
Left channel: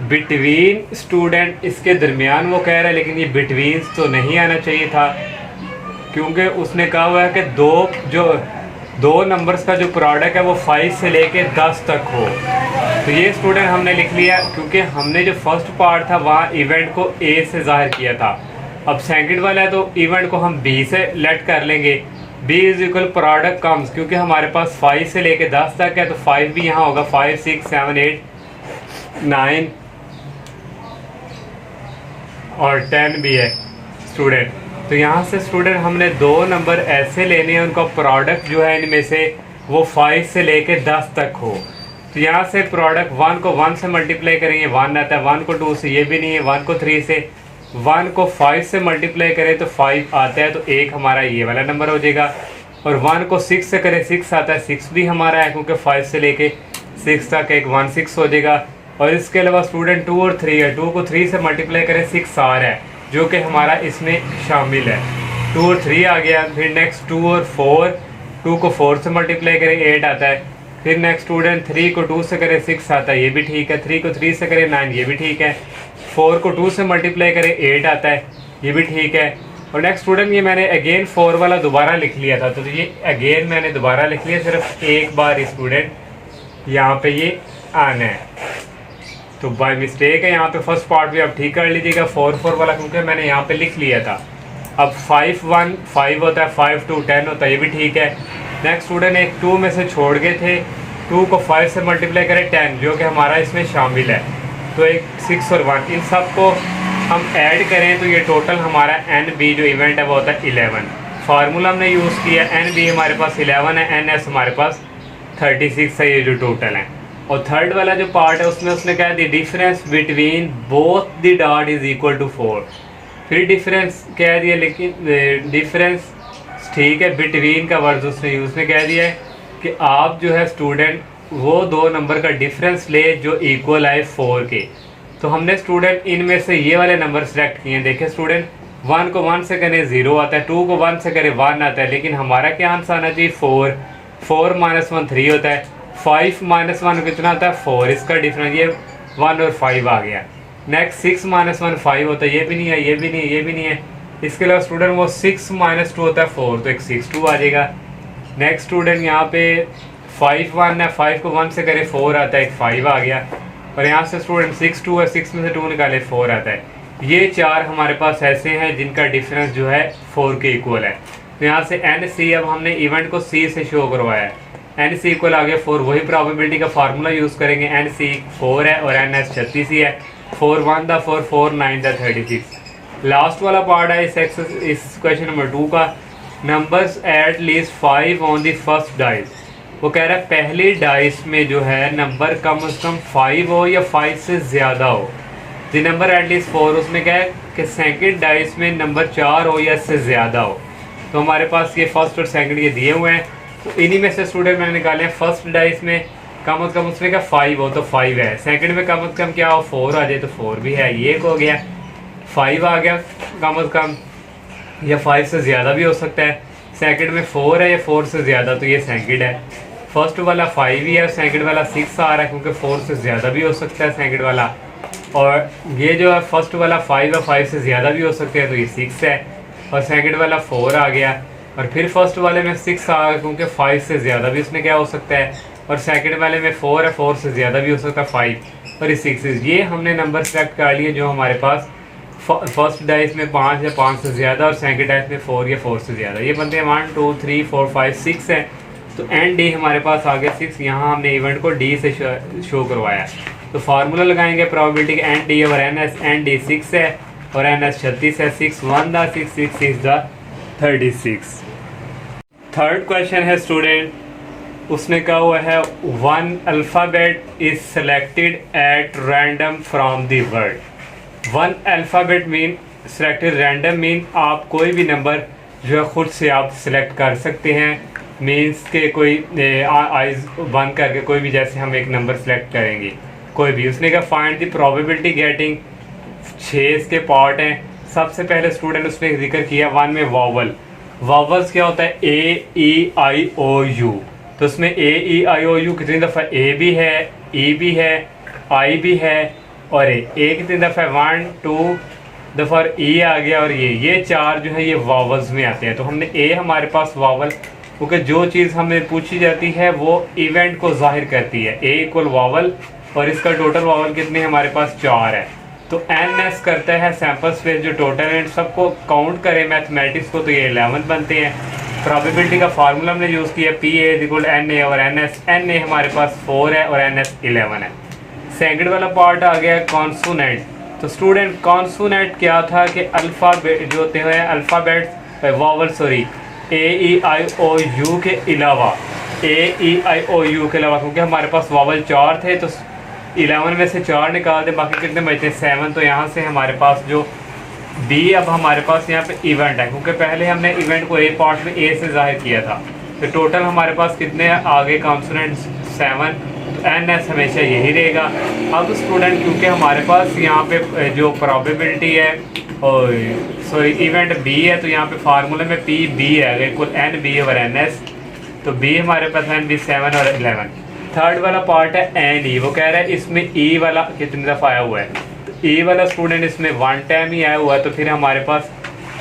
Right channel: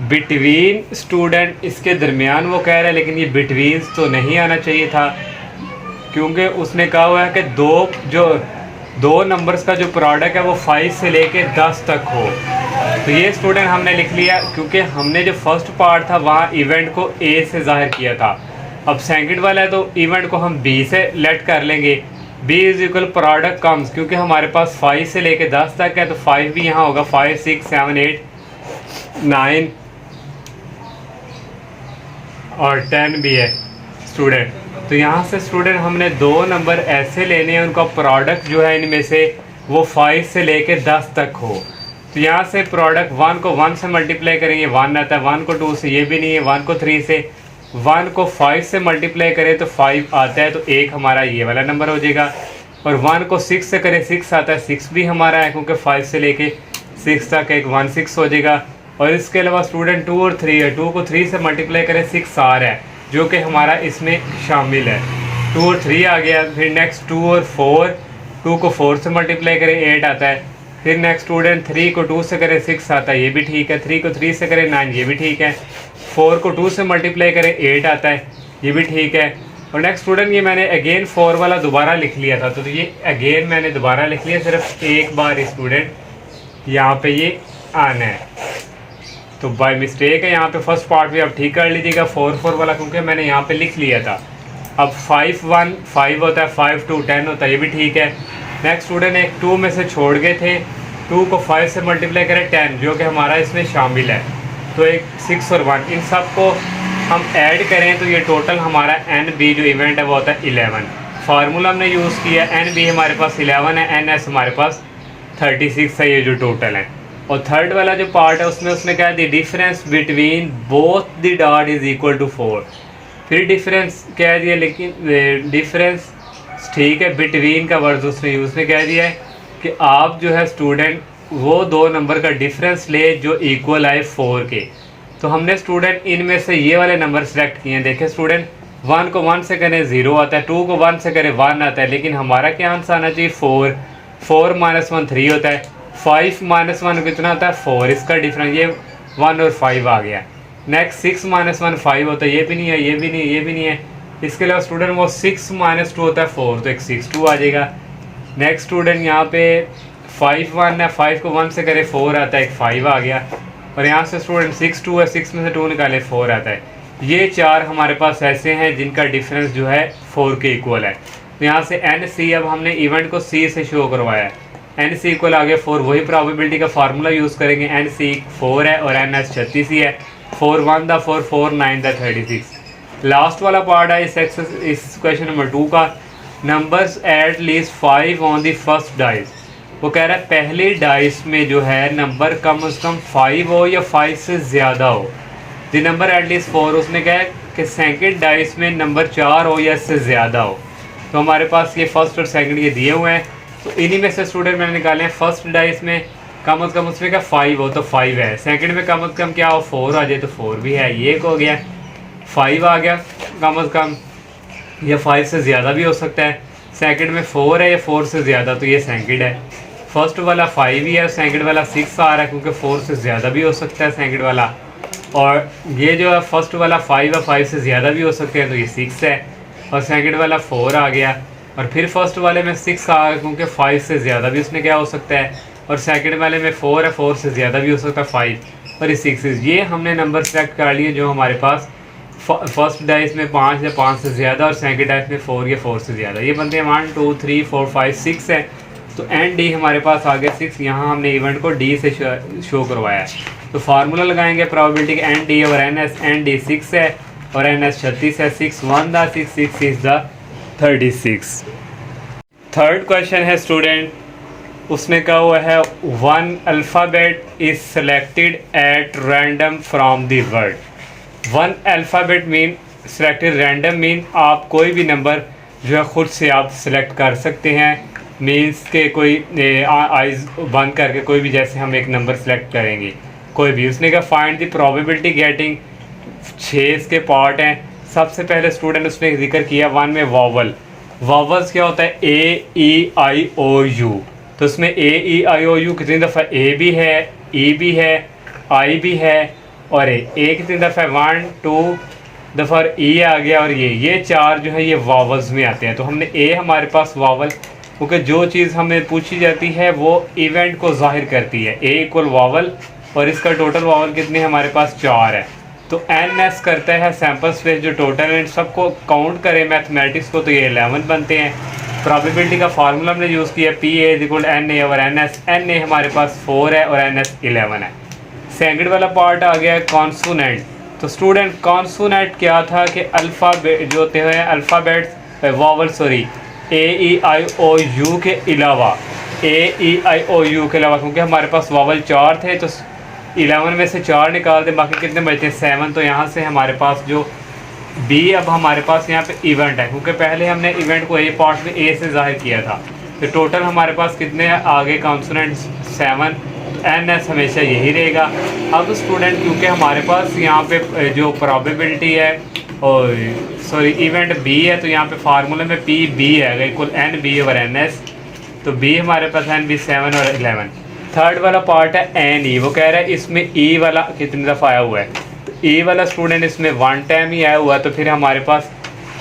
Between student इसके दरमियान वो कह रहा है, लेकिन ये बिटवीन तो नहीं आना चाहिए था, क्योंकि उसने कहा हुआ है कि दो नंबर्स का जो प्रोडक्ट है वो 5 से लेके 10 तक हो। तो ये स्टूडेंट हमने लिख लिया, क्योंकि हमने जो फर्स्ट पार्ट था वहाँ इवेंट को ए से जाहिर किया था। अब सेकंड वाला है तो इवेंट को हम बी से लेट कर लेंगे। B is equal product comes, क्योंकि हमारे पास 5 से लेके 10 तक है, तो 5 भी यहाँ होगा। 5 6 7 8 9 और 10 भी है स्टूडेंट। तो यहाँ से स्टूडेंट हमने 2 नंबर ऐसे लेने हैं, उनका प्रोडक्ट जो है इनमें से वो 5 से लेके 10 तक हो। तो यहाँ से प्रोडक्ट 1 को 1 से मल्टीप्लाई करेंगे 1 आता है, 1 को 2 से ये भी नहीं है, 1 को 3 से, 1 को 5 से मल्टीप्लाई करें तो 5 आता है, तो एक हमारा ये वाला नंबर हो जाएगा। और 1 को 6 से करें 6 आता है, 6 भी हमारा है, क्योंकि 5 से लेके 6 तक एक 1 6 हो जाएगा। और इसके अलावा स्टूडेंट 2 और 3 है, 2 को 3 से मल्टीप्लाई करें 6 आ रहा है, जो कि हमारा इसमें शामिल है। 2 और 3 आ गया। फिर नेक्स्ट 2 और 4, 2 को 4 से मल्टीप्लाई करें 8 आता है। फिर नेक्स्ट स्टूडेंट 3 को 2 से करें 6 आता है, ये भी ठीक है। 3 को 3 से करें 9, ये भी ठीक है। 4 को 2 से मल्टीप्लाई करें 8 आता है, ये भी ठीक है। और नेक्स्ट स्टूडेंट ये मैंने अगेन 4 वाला दोबारा लिख लिया था, तो ये अगेन मैंने दोबारा लिख लिया, सिर्फ एक बार स्टूडेंट यहाँ पे ये आना है, तो बाय मिस्टेक है यहाँ पे फर्स्ट पार्ट भी आप ठीक कर लीजिएगा 4 वाला, क्योंकि मैंने यहाँ पे लिख लिया था। अब 5 1 5 होता है, 5 2 10 होता है, ये भी ठीक है। नेक्स्ट स्टूडेंट एक 2 में से छोड़ गए थे, 2 को 5 से मल्टीप्लाई करें 10, जो कि हमारा इसमें शामिल है। तो एक 6 और 1, इन सब को हम ऐड करें तो ये टोटल हमारा NB जो इवेंट है वो होता है 11। फार्मूला हमने यूज़ किया, NB हमारे पास 11 है, NS हमारे पास 36 है, ये जो टोटल है। और थर्ड वाला जो पार्ट है उसमें उसने क्या दी, difference between both the dot is equal to 4। फिर डिफरेंस कह दिया, लेकिन डिफरेंस ठीक है, बिटवीन का वर्ड उसने कह दिया है कि आप जो है स्टूडेंट वो दो नंबर का डिफरेंस ले जो इक्वल आए 4 के। तो हमने स्टूडेंट इनमें से ये वाले नंबर सेलेक्ट किए हैं। देखिए स्टूडेंट 1 को 1 से करें 0 आता है, 2 को 1 से करें 1 आता है, लेकिन हमारा क्या आंसर आना चाहिए 4। 4 - 1 3 होता है, 5 - 1 कितना आता है 4, इसका डिफरेंस ये 1 और 5 आ गया। नेक्स्ट 6 - 1 5 होता है, ये भी नहीं है, ये भी नहीं है, ये भी नहीं है। इसके अलावा स्टूडेंट वो 6 - 2 होता है 4, तो एक 6 2 आ जाएगा। नेक्स्ट स्टूडेंट यहाँ पे 5 1 है, 5 को 1 से करे 4 आता है, एक 5 आ गया। और यहाँ से स्टूडेंट 6 2 है, 6 में से 2 निकाले 4 आता है। ये 4 हमारे पास ऐसे हैं जिनका डिफरेंस जो है 4 के इक्वल है। तो यहाँ से NC, अब हमने इवेंट को C से शो करवाया है। NC इक्वल आ गया 4, वही प्रोबेबिलिटी का फार्मूला यूज़ करेंगे। NC 4 है और NS 36 ही है। 4 1 दा 4, 4 9 दा 36। लास्ट वाला पार्ट है इस क्वेश्चन नंबर 2 का, numbers at least 5 on the first dice. वो कह रहा है पहले डाइस में जो है नंबर कम से कम 5 हो या 5 से ज़्यादा हो। द नंबर एट लीस्ट 4, उसने कहा है कि सेकंड डाइस में नंबर 4 हो या इससे ज़्यादा हो। तो हमारे पास ये फर्स्ट और सेकंड ये दिए हुए हैं, तो इन्हीं में से स्टूडेंट मैंने निकाले हैं। फर्स्ट डाइस में कम से कम उसने कहा 5 हो तो 5 है, सेकंड में कम से कम क्या हो 4 आ जाए तो 4 भी है, ये एक हो गया। 5 आ गया कम से कम, या 5 से ज़्यादा भी हो सकता है। सेकंड में 4 है या 4 से ज़्यादा, तो ये सेकंड है। फर्स्ट वाला 5 ही है, सेकंड वाला 6 आ रहा है क्योंकि 4 से ज़्यादा भी हो सकता है सेकंड वाला। और ये जो है फर्स्ट वाला 5 है, 5 से ज़्यादा भी हो सकते हैं, तो ये 6 है। और सेकंड वाला 4 आ गया, और फिर फर्स्ट वाले में 6 आ गया क्योंकि 5 से ज़्यादा भी उसमें क्या हो सकता है। और सेकंड वाले में 4 है, 4 से ज़्यादा भी हो सकता है 5, और ये 6। ये हमने नंबर सेलेक्ट कर लिए जो हमारे पास फर्स्ट डाइस में 5 या 5 से ज़्यादा, और सेकंड डाइस में 4 या 4 से ज़्यादा। ये बनते हैं 1 2 3 4 5 6 है। तो ND हमारे पास आ गया 6। यहाँ हमने इवेंट को D से शो करवाया, तो फार्मूला लगाएंगे प्रोबेबिलिटी का ND और NS। ND 6 है और NS 36 है। 6 1 दा 6, 6 6 दा 36। थर्ड क्वेश्चन है स्टूडेंट, उसने कहा हुआ है 1 alphabet is selected at random from the word. 1 alphabet mean selected, random mean आप कोई भी नंबर जो है ख़ुद से आप सेलेक्ट कर सकते हैं। मीन्स के कोई आइज़ बंद करके कोई भी, जैसे हम एक नंबर सेलेक्ट करेंगे कोई भी। उसने कहा फाइंड द प्रोबेबिलिटी गेटिंग, 6 इसके पार्ट हैं। सबसे पहले स्टूडेंट उसने जिक्र किया 1 में वावल। वावल्स क्या होता है AEIOU, तो उसमें AEIOU कितनी दफ़ा A भी है, E भी है, I भी है और A कितनी दफ़ा 1 2 दफ़ा E आ गया। और ये 4 जो है ये वावल्स में आते हैं। तो हमने A हमारे पास वावल, क्योंकि जो चीज़ हमें पूछी जाती है वो इवेंट को जाहिर करती है। A इक्वल वावल, और इसका टोटल वावल कितने हमारे पास 4 है। तो NS करता है सैम्पल स्पेस जो टोटल है, सबको काउंट करें मैथमेटिक्स को, तो ये 11 बनते हैं। प्रोबेबिलिटी का फार्मूला हमने यूज़ किया PA इक्वल NA और NS। NA हमारे पास 4 है और NS 11 है। सेकंड वाला पार्ट आ गया कॉन्सोनेंट। तो स्टूडेंट कॉन्सोनेंट क्या था कि अल्फ़ाबेट जो होते हैं अल्फ़ाबेट्स वावल AEIOU के अलावा, AEIOU के अलावा, क्योंकि हमारे पास वावल 4 थे तो 11 में से 4 निकाल दें, बाकी कितने बचते हैं 7। तो यहाँ से हमारे पास जो B, अब हमारे पास यहाँ पे इवेंट है, क्योंकि पहले हमने इवेंट को A पार्ट में A से जाहिर किया था, तो टोटल हमारे पास कितने हैं आगे कॉन्सोनेंट 7, एन एस हमेशा यही रहेगा। अब स्टूडेंट क्योंकि हमारे पास यहाँ पे जो प्रोबेबिलिटी है और सॉरी इवेंट बी है, तो यहाँ पे फार्मूले में पी बी है equal N B over N S. तो बी हमारे पास एन बी 7 और 11। थर्ड वाला पार्ट है एन ई, वो कह रहा है इसमें ई वाला कितनी दफ़ा आया हुआ है, तो ई वाला स्टूडेंट इसमें 1 टाइम ही आया हुआ है। तो फिर हमारे पास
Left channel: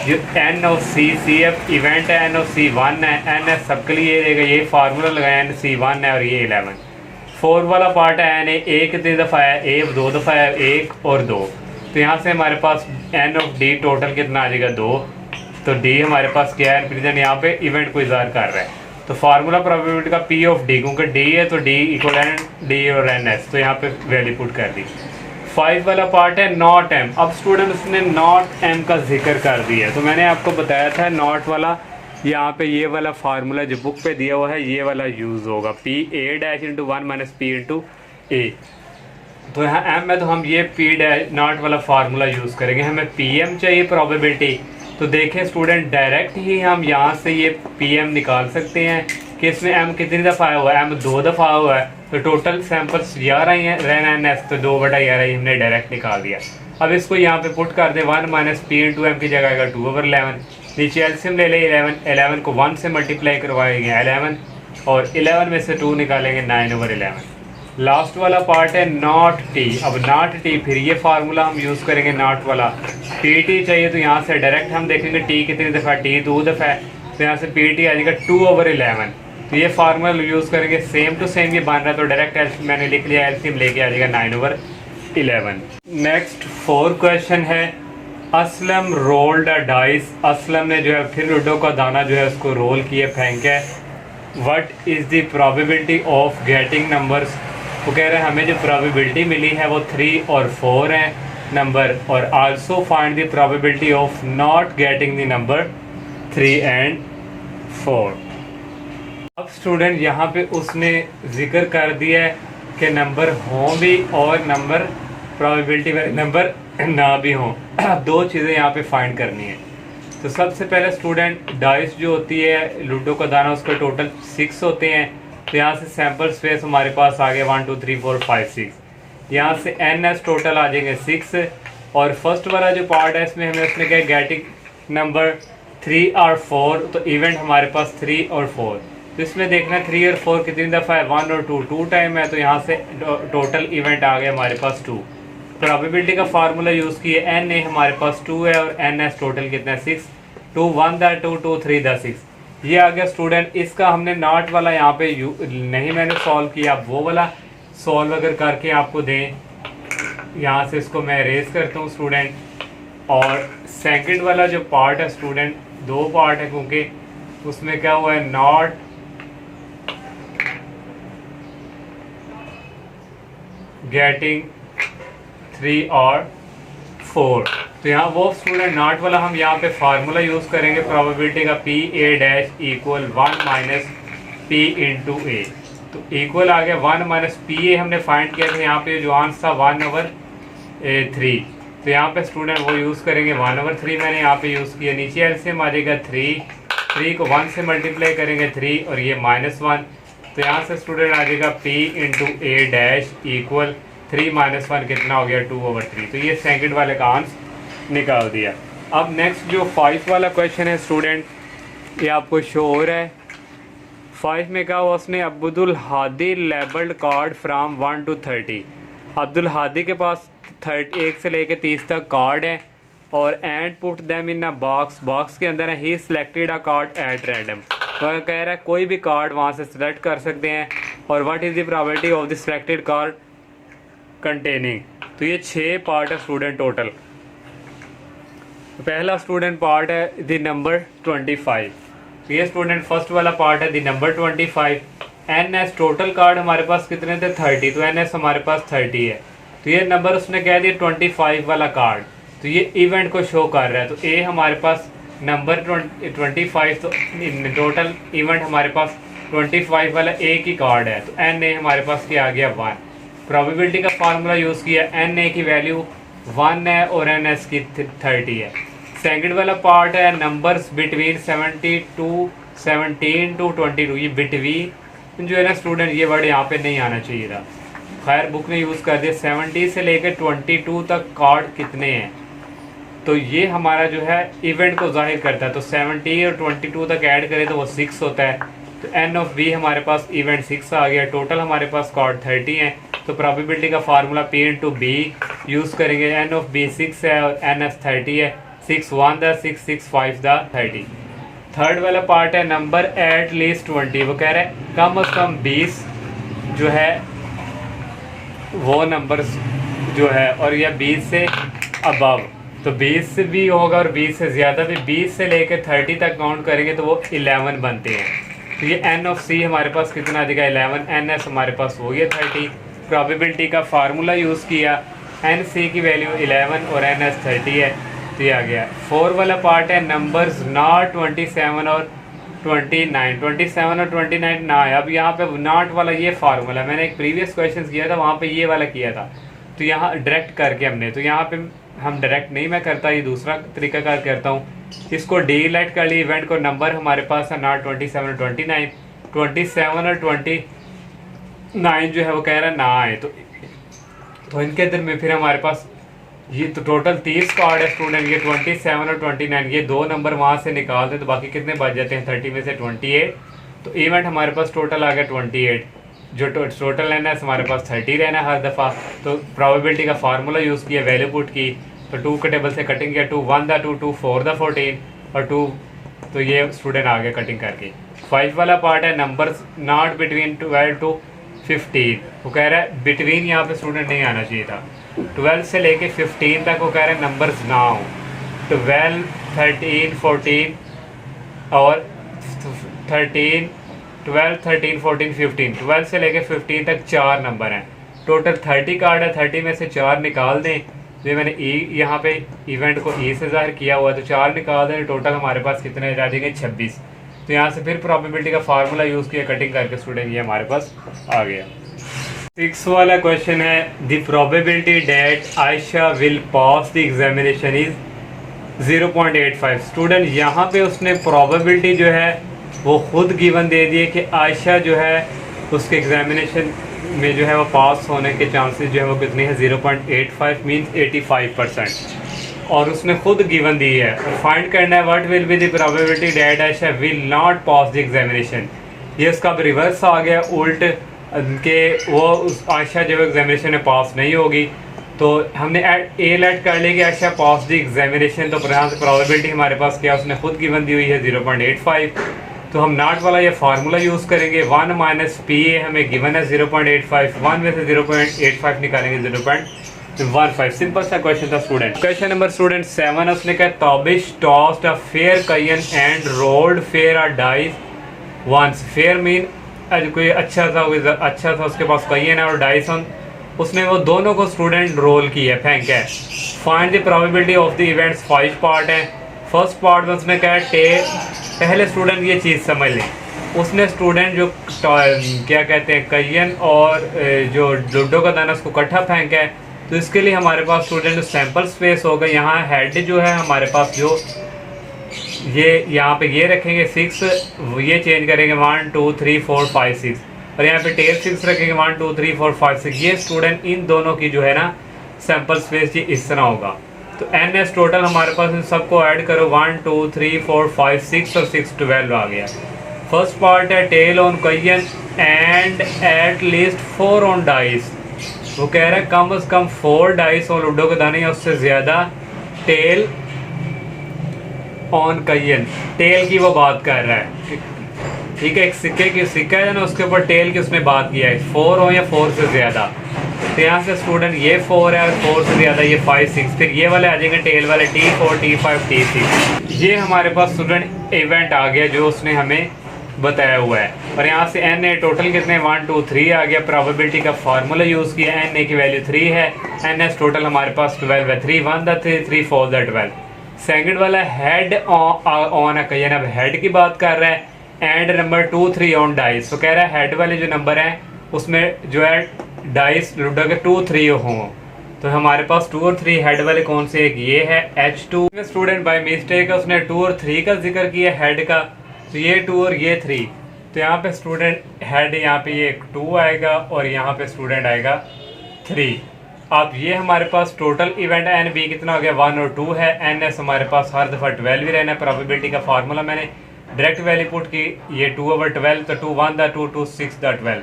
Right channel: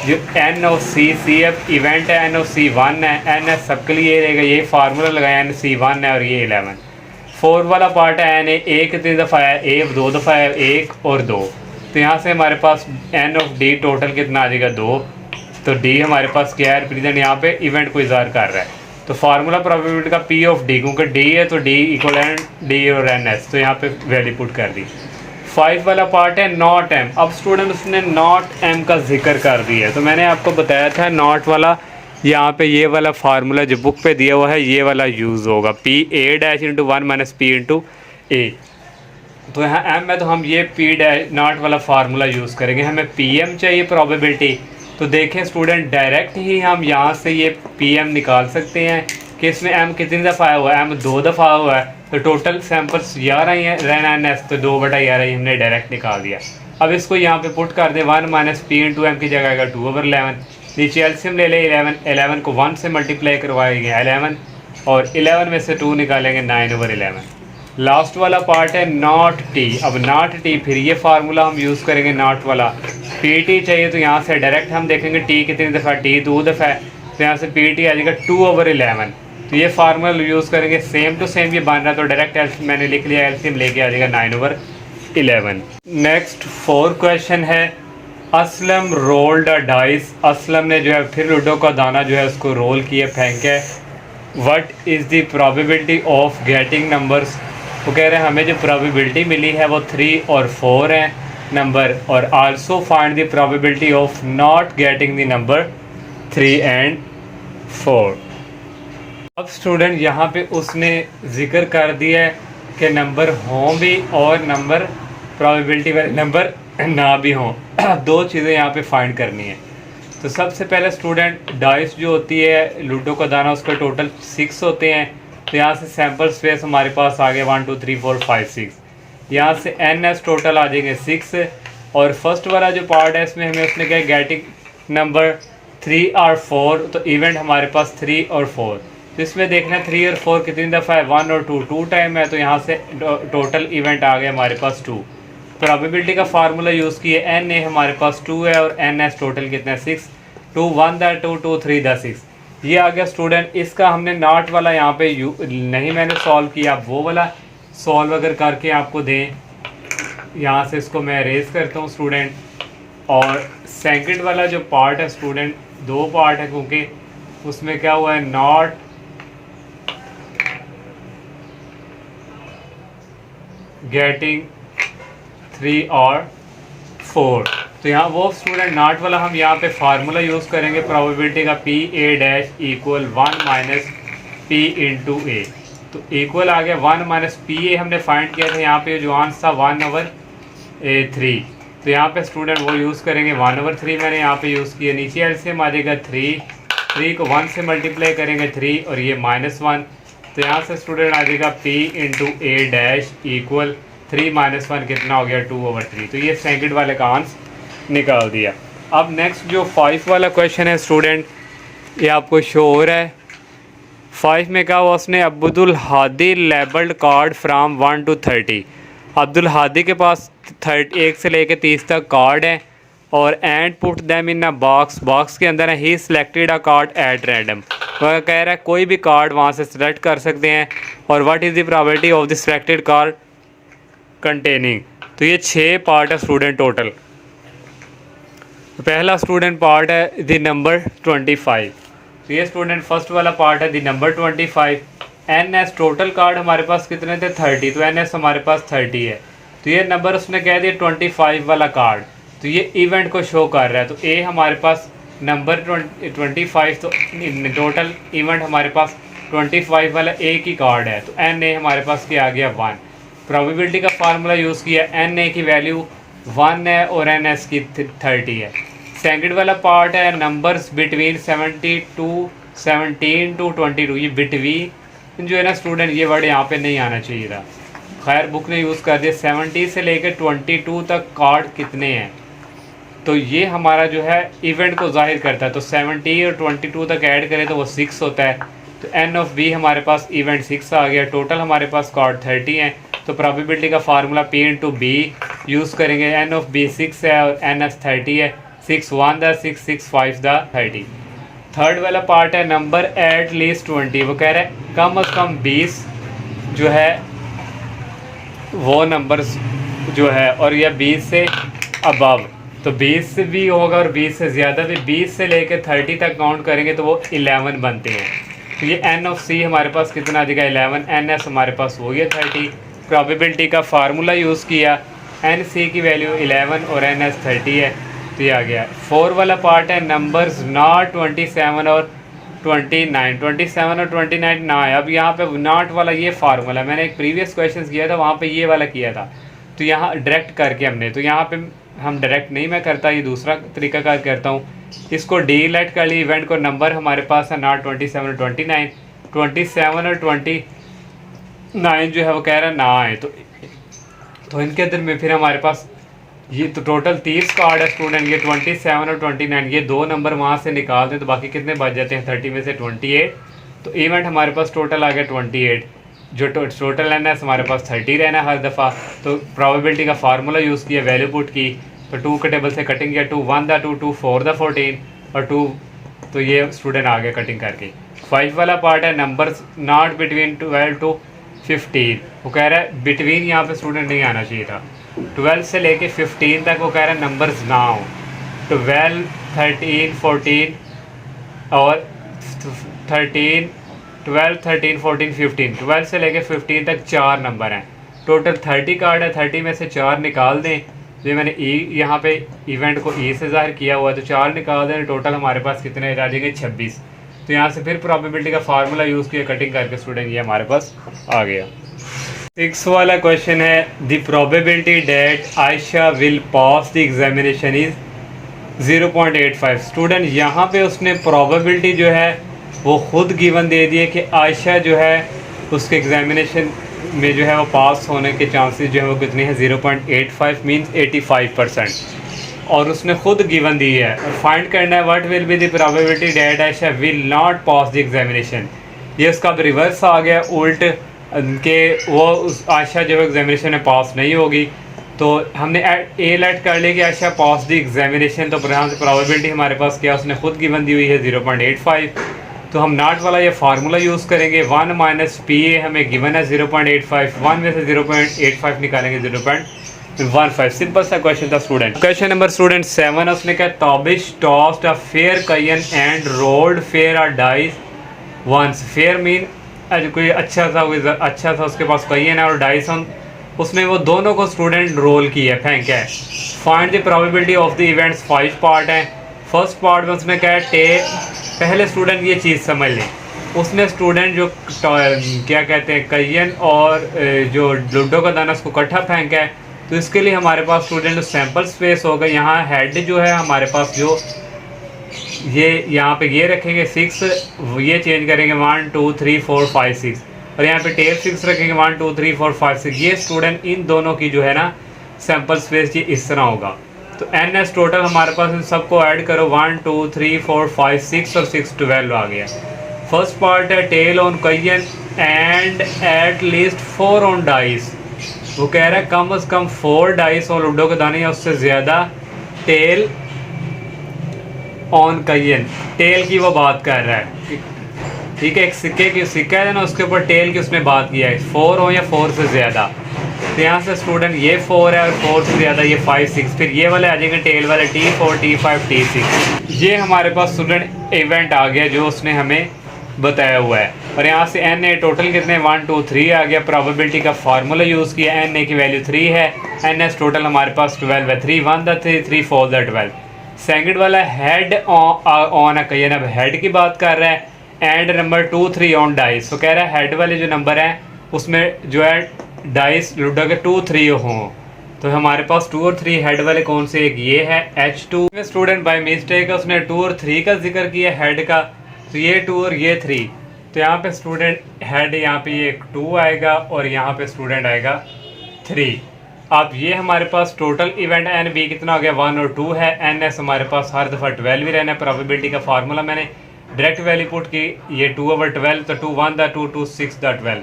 जो N O C F event है एन ओ सी 1 है, एन एस सबके लिए रहेगा, ये फार्मूला लगाया एन सी 1 है और ये 11। फोर्थ वाला पार्ट है एन ए कितनी दफ़ा है, ए 2 दफ़ा है, 1 और 2। तो यहाँ से हमारे पास एन ऑफ डी टोटल कितना आ जाएगा 2। तो डी हमारे पास क्या है, रिप्रेजेंट यहाँ पे इवेंट को इज़हार कर रहा है। तो फार्मूला प्रोबेबिलिटी का पी ऑफ डी, क्योंकि डी है तो डी इक्वल एन डी और एन एस, तो यहाँ पे वैल्यू पुट कर दी। 5 वाला पार्ट है नॉट एम। अब स्टूडेंट उसने नॉट एम का जिक्र कर दिया है, तो मैंने आपको बताया था नॉट वाला यहाँ पे ये वाला फार्मूला जो बुक पे दिया हुआ है ये वाला यूज़ होगा, P A dash into 1 minus P into A. तो यहाँ एम है तो हम ये पी डैश नॉट वाला फार्मूला यूज़ करेंगे। हमें पी एम चाहिए प्रोबेबिलिटी, तो देखें स्टूडेंट डायरेक्ट ही हम यहाँ से ये पी एम निकाल सकते हैं कि इसमें एम कितनी दफ़ा आया हुआ है, एम 2 दफ़ा आया हुआ है। तो टोटल सैम्पल्स 11 ही हैं, रेन एन एस तो 2/11 हमने डायरेक्ट निकाल दिया। अब इसको यहाँ पे पुट कर दे 1 माइनस पी इंटू एम की जगह आएगा 2/11। नीचे एलसीएम ले ले 11 को 1 से मल्टीप्लाई करवाएंगे 11 और 11 में से 2 निकालेंगे 9/11। लास्ट वाला पार्ट है नॉट टी। अब नॉट टी फिर ये फार्मूला हम यूज़ करेंगे नॉट वाला, पी टी चाहिए तो यहाँ से डायरेक्ट हम देखेंगे टी कितनी दफ़ा, टी 2 दफ़ा है, तो यहाँ से पी टी आ जाएगा 2/11। तो ये फार्मूला यूज़ करेंगे, सेम टू सेम ये बन रहा है, तो डायरेक्ट मैंने लिख लिया एलसीएम लेके आ जाएगा 9/11। नेक्स्ट 4 क्वेश्चन है असलम रोल्ड अ डाइस। असलम ने जो है फिर लूडो का दाना जो है उसको रोल किए, फेंके। What is the probability of getting numbers. वो कह रहे हैं हमें जो प्रोबेबिलिटी मिली है वो 3 और 4 है नंबर, और also find the probability of not getting the number 3 and 4। अब स्टूडेंट यहाँ पे उसने जिक्र कर दिया है कि नंबर हों भी और नंबर प्रोबेबिलिटी वाले नंबर ना भी हों। 2 चीज़ें यहाँ पे फाइंड करनी है। तो सबसे पहले स्टूडेंट डाइस जो होती है लूडो का दाना उसके टोटल 6 होते हैं। तो यहाँ से सैम्पल स्पेस हमारे पास आ गए 1 2 3 4 5 6। यहाँ से एन एस टोटल आ जाएंगे 6। और फर्स्ट वाला जो पार्ट है इसमें हमें उसने क्या गेटिंग नंबर 3 और 4, तो इवेंट हमारे पास 3 और 4। तो इसमें देखना 3 और 4 कितनी दफ़ा है, 1 और 2 टाइम है, तो यहाँ से टोटल इवेंट आ गया हमारे पास 2। प्रोबेबिलिटी का फार्मूला यूज़ किए, एन ए हमारे पास 2 है और एन एस टोटल कितना है 6। 2 1 द 2 2 3 द 6। ये आ गया स्टूडेंट। इसका हमने नॉट वाला यहाँ पे नहीं मैंने सॉल्व किया, आप वो वाला सॉल्व अगर करके आपको दें, यहाँ से इसको मैं अरेज करता हूँ स्टूडेंट। और सेकंड वाला जो पार्ट है स्टूडेंट 2 पार्ट है, क्योंकि उसमें क्या हुआ है नॉट गेटिंग 3 और 4। तो यहाँ वो स्टूडेंट नॉट वाला हम यहाँ पे फार्मूला यूज़ करेंगे प्रोबेबिलिटी का P A dash equal 1 minus P into A. तो इक्वल आ गया 1 माइनस पी ए हमने फाइंड किया था, यहाँ पे जो आंसर था 1/3। तो यहाँ पे स्टूडेंट वो यूज़ करेंगे 1/3 मैंने यहाँ पे यूज़ किया। नीचे एलसीएम आ जाएगा 3 को 1 से मल्टीप्लाई करेंगे 3 और ये -1। तो यहाँ से स्टूडेंट आ जाएगा पी इंटू ए डैश इक्वल 3 - 1 कितना हो गया 2/3। तो ये सेकंड वाले का आंसर निकाल दिया। अब नेक्स्ट जो 5 वाला क्वेश्चन है स्टूडेंट, ये आपको शो हो रहा है। 5 में क्या हुआ, उसने Abdul Hadi labelled card from 1 to 30। Abdul Hadi के पास 1 से लेके 30 तक कार्ड है और and put them in a box के अंदर है। He selected a card at random. वह कह रहा है कोई भी कार्ड वहाँ से सिलेक्ट कर सकते हैं। और what is the probability of the selected card containing. तो ये 6 पार्ट है स्टूडेंट टोटल। पहला स्टूडेंट पार्ट है द नंबर 25। तो ये स्टूडेंट फर्स्ट वाला पार्ट है the number 25। N S total card हमारे पास कितने थे 30, तो एन एस हमारे पास 30 है। तो ये नंबर उसने कह दिया 25 वाला कार्ड, तो ये इवेंट को शो कर रहा है। तो ए हमारे पास नंबर 25, तो टोटल इवेंट हमारे पास 25 वाला एक ही कार्ड है। तो एन ए हमारे पास क्या आ गया 1। प्रोबेबिलिटी का फार्मूला यूज़ किया, एन ए की वैल्यू 1 है और एन एस की 30 है। सेकंड वाला पार्ट है नंबर्स बिटवीन 72 17 to 22, ये बिटवीन जो है ना स्टूडेंट, ये वर्ड यहाँ पे नहीं आना चाहिए था। खैर बुक ने यूज़ कर दिया। 70 से लेकर 22 तक कार्ड कितने हैं, तो ये हमारा जो है इवेंट को जाहिर करता है। तो 70 और 22 तक ऐड करें तो वो 6 होता है। तो एन ऑफ बी हमारे पास इवेंट 6 आ गया। टोटल हमारे पास कार्ड 30 हैं। तो प्रोबेबिलिटी का formula P into B use करेंगे। एन ऑफ बी 6 है और एन एस 30 है। 6 1 द 6 6 5 द 30। थर्ड वाला पार्ट है नंबर एट लीस्ट 20। वो कह रहे हैं कम अज़ कम 20 जो है वो नंबर्स जो है, और यह 20 से अबव, तो 20 से भी होगा और 20 से ज़्यादा भी। 20 से लेकर 30 तक काउंट करेंगे तो वो 11 बनते हैं। तो ये एन ऑफ सी हमारे पास कितना आ जाएगा 11। एन एस हमारे पास हो गया 30। प्रोबेबिलिटी का फार्मूला यूज़ किया, एन सी की वैल्यू 11 और एन एस 30 है, तो ये आ गया। 4 वाला पार्ट है नंबर्स नॉट 27 और 29। 27 और 29 ना है। अब यहाँ पे नॉट वाला ये फार्मूला मैंने एक प्रीवियस क्वेश्चन किया था, वहाँ पे ये वाला किया था, तो यहाँ डायरेक्ट करके हमने, तो यहाँ पे हम डायरेक्ट नहीं मैं करता, ये दूसरा तरीका कार करता हूँ। इसको डीलेट कर ली इवेंट को। नंबर हमारे पास है नॉट 27 और 29। 27 और 29 जो है वो कह रहा है ना आए, तो इनके अंदर में फिर हमारे पास ये तो टोटल 30 कार्ड है स्टूडेंट। ये 27 और 29, ये दो नंबर वहाँ से निकाल दें तो बाकी कितने बच जाते हैं 30 में से 28। तो इवेंट हमारे पास टोटल आ गया 28। जो टोटल रहना है हमारे पास 30 रहना है हर दफ़ा। तो प्रोबेबिलिटी का फार्मूला यूज़ किया, वैल्यू पुट की, तो 2 के टेबल से कटिंग किया। 2 1 द 2 2 4 द 14 और 2, तो ये स्टूडेंट आ गया कटिंग करके। 5 वाला पार्ट है नंबर्स नॉट बिटवीन 12 to 15। वो कह रहा है बिटवीन यहाँ पे स्टूडेंट नहीं आना चाहिए था। 12 से लेके 15 तक वो कह रहा है नंबर्स ना हो। 12 13 14 और 13 12 13 14 15। 12 से लेके 15 तक 4 नंबर हैं। टोटल 30 कार्ड है, 30 में से 4 निकाल दें। जो मैंने ई यहाँ पे इवेंट को ई से ज़ाहिर किया हुआ है, तो 4 निकाल दें। टोटल हमारे पास कितने आ जाएंगे 26। तो यहाँ से फिर प्रोबेबिलिटी का फार्मूला यूज़ किया कटिंग करके स्टूडेंट, ये हमारे पास आ गया। 6 वाला क्वेश्चन है the probability that Ayesha will pass the examination is 0.85। Student यहाँ पे उसने प्रोबेबिलिटी जो है वो खुद गिवन दे दिए कि आयशा जो है उसके एग्जामिनेशन में जो है वो पास होने के चांसेस जो है वो कितने हैं 0.85 मीन्स 85%, और उसने खुद गिवन दी है। फाइंड करना है what will be the probability that Ayesha will not pass the examination. ये उसका रिवर्स आ गया उल्ट के, वो उस आयशा जो है एग्जामिनेशन में पास नहीं होगी। तो हमने ए लेट कर लिया कि आयशा पास द एग्जामिनेशन। तो प्रोबेबिलिटी हमारे पास क्या उसने खुद गिवन दी हुई है 0.85। तो हम नॉट वाला ये फार्मूला यूज़ करेंगे। 1 माइनस पी ए हमें गिवन है 0.85। 1 में से 0.85 निकालेंगे 0.15। सिंपल सा क्वेश्चन था स्टूडेंट। क्वेश्चन नंबर स्टूडेंट 7 उसने कहा Tabish tossed a fair coin and rolled fair a dice once. Fair mean कोई अच्छा था उसके पास कयन है और डाइस उसने वो दोनों को स्टूडेंट रोल किया, फेंका है। Find the probability of the events. 5 part है। फर्स्ट पार्ट में उसने कहा पहले स्टूडेंट ये चीज़ समझ लें, उसने स्टूडेंट जो क्या कहते हैं कयन और जो लूडो का दाना उसको इकट्ठा फेंका है। तो इसके लिए हमारे पास स्टूडेंट जो सैम्पल स्पेस होगा, यहाँ हेड जो है हमारे पास जो ये यहाँ पे ये रखेंगे 6, ये चेंज करेंगे 1 2 3 4 5 6, और यहाँ पे टेल 6 रखेंगे 1 2 3 4 5 6। ये स्टूडेंट इन दोनों की जो है ना सैम्पल स्पेस ये इस तरह होगा। तो एन एस टोटल हमारे पास इन सबको ऐड करो 1 2 3 4 5 6 और 6 12 आ गया। फर्स्ट पार्ट है tail on coin and at least 4 on dice. वो कह रहा है कम से कम 4 डाइस और लूडो के दाने या उससे ज़्यादा टेल ऑन कयन। टेल की वो बात कर रहा है, ठीक है। एक सिक्का है ना, उसके ऊपर टेल की उसने बात किया है 4 हो या 4 से ज़्यादा। तो यहाँ से स्टूडेंट ये 4 है और 4 से ज़्यादा ये 5 6, फिर ये वाले आ जाएंगे टेल वाले T4 T5 T6। ये हमारे पास स्टूडेंट इवेंट आ गया जो उसने हमें बताया हुआ है। और यहाँ से एन ए टोटल कितने 1 2 3 आ गया। प्रोबेबिलिटी का फार्मूला यूज़ किया, एन ए की वैल्यू 3 है, एन एस टोटल हमारे पास 12 है। 3 1 द 3 3 4 द 12। सेकंड वाला हेड ऑन है कयन, अब हेड की बात कर रहा है। And number 2 3 on dice. तो कह रहा है हेड वाले जो नंबर हैं उसमें जो है डाइस लूडो के 2 3 हों। तो हमारे पास 2 और 3 हेड वाले कौन से, एक ये है H2। स्टूडेंट बाय मिस्टेक उसने 2 और 3 का जिक्र किया हेड का, तो ये 2 और ये 3, तो यहाँ पे स्टूडेंट हेड यहाँ पे ये 2 आएगा और यहाँ पे स्टूडेंट आएगा 3। अब ये हमारे पास टोटल इवेंट एन बी कितना हो गया 1 और 2 है। एन एस हमारे पास हर दफ़ा 12 ही रहना है। प्रोबेबिलिटी का फार्मूला मैंने डायरेक्ट वैल्यू पुट की, ये 2/12, तो 2 1 2 2 6 12।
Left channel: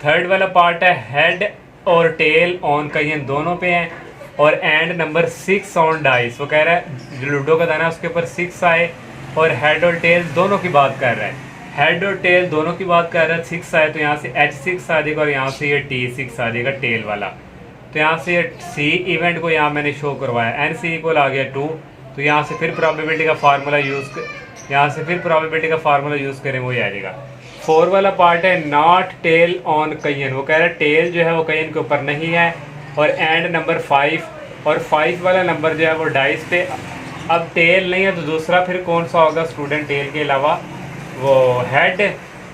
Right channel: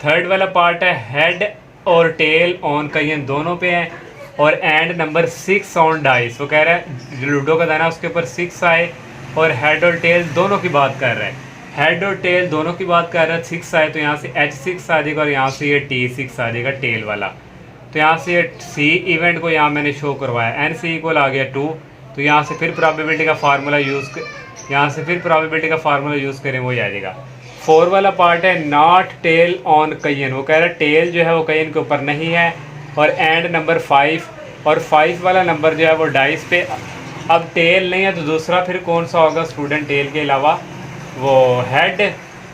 थर्ड वाला पार्ट है हेड और टेल ऑन का ये दोनों पे है और एंड नंबर 6 ऑन डाइस। वो कह रहा है जो लूडो का दाना उसके ऊपर 6 आए और हेड और टेल दोनों की बात कर रहा है। हेड और टेल दोनों की बात कर रहा है, 6 आए तो यहाँ से H6 आ जाएगा और यहाँ से ये T6 आ जाएगा टेल वाला। तो यहाँ से ये सी इवेंट को यहाँ मैंने शो करवाया, एन सी इक्वल आ गया 2। तो यहाँ से फिर प्रोबेबिलिटी का फार्मूला यूज़ करें वही आ जाएगा। 4 वाला पार्ट है नॉट टेल ऑन कयन। वो कह रहा है टेल जो है वो कयन के ऊपर नहीं है और एंड नंबर 5 और 5 वाला नंबर जो है वो डाइस पे। अब टेल नहीं है तो दूसरा फिर कौन सा होगा स्टूडेंट टेल के अलावा, वो हेड।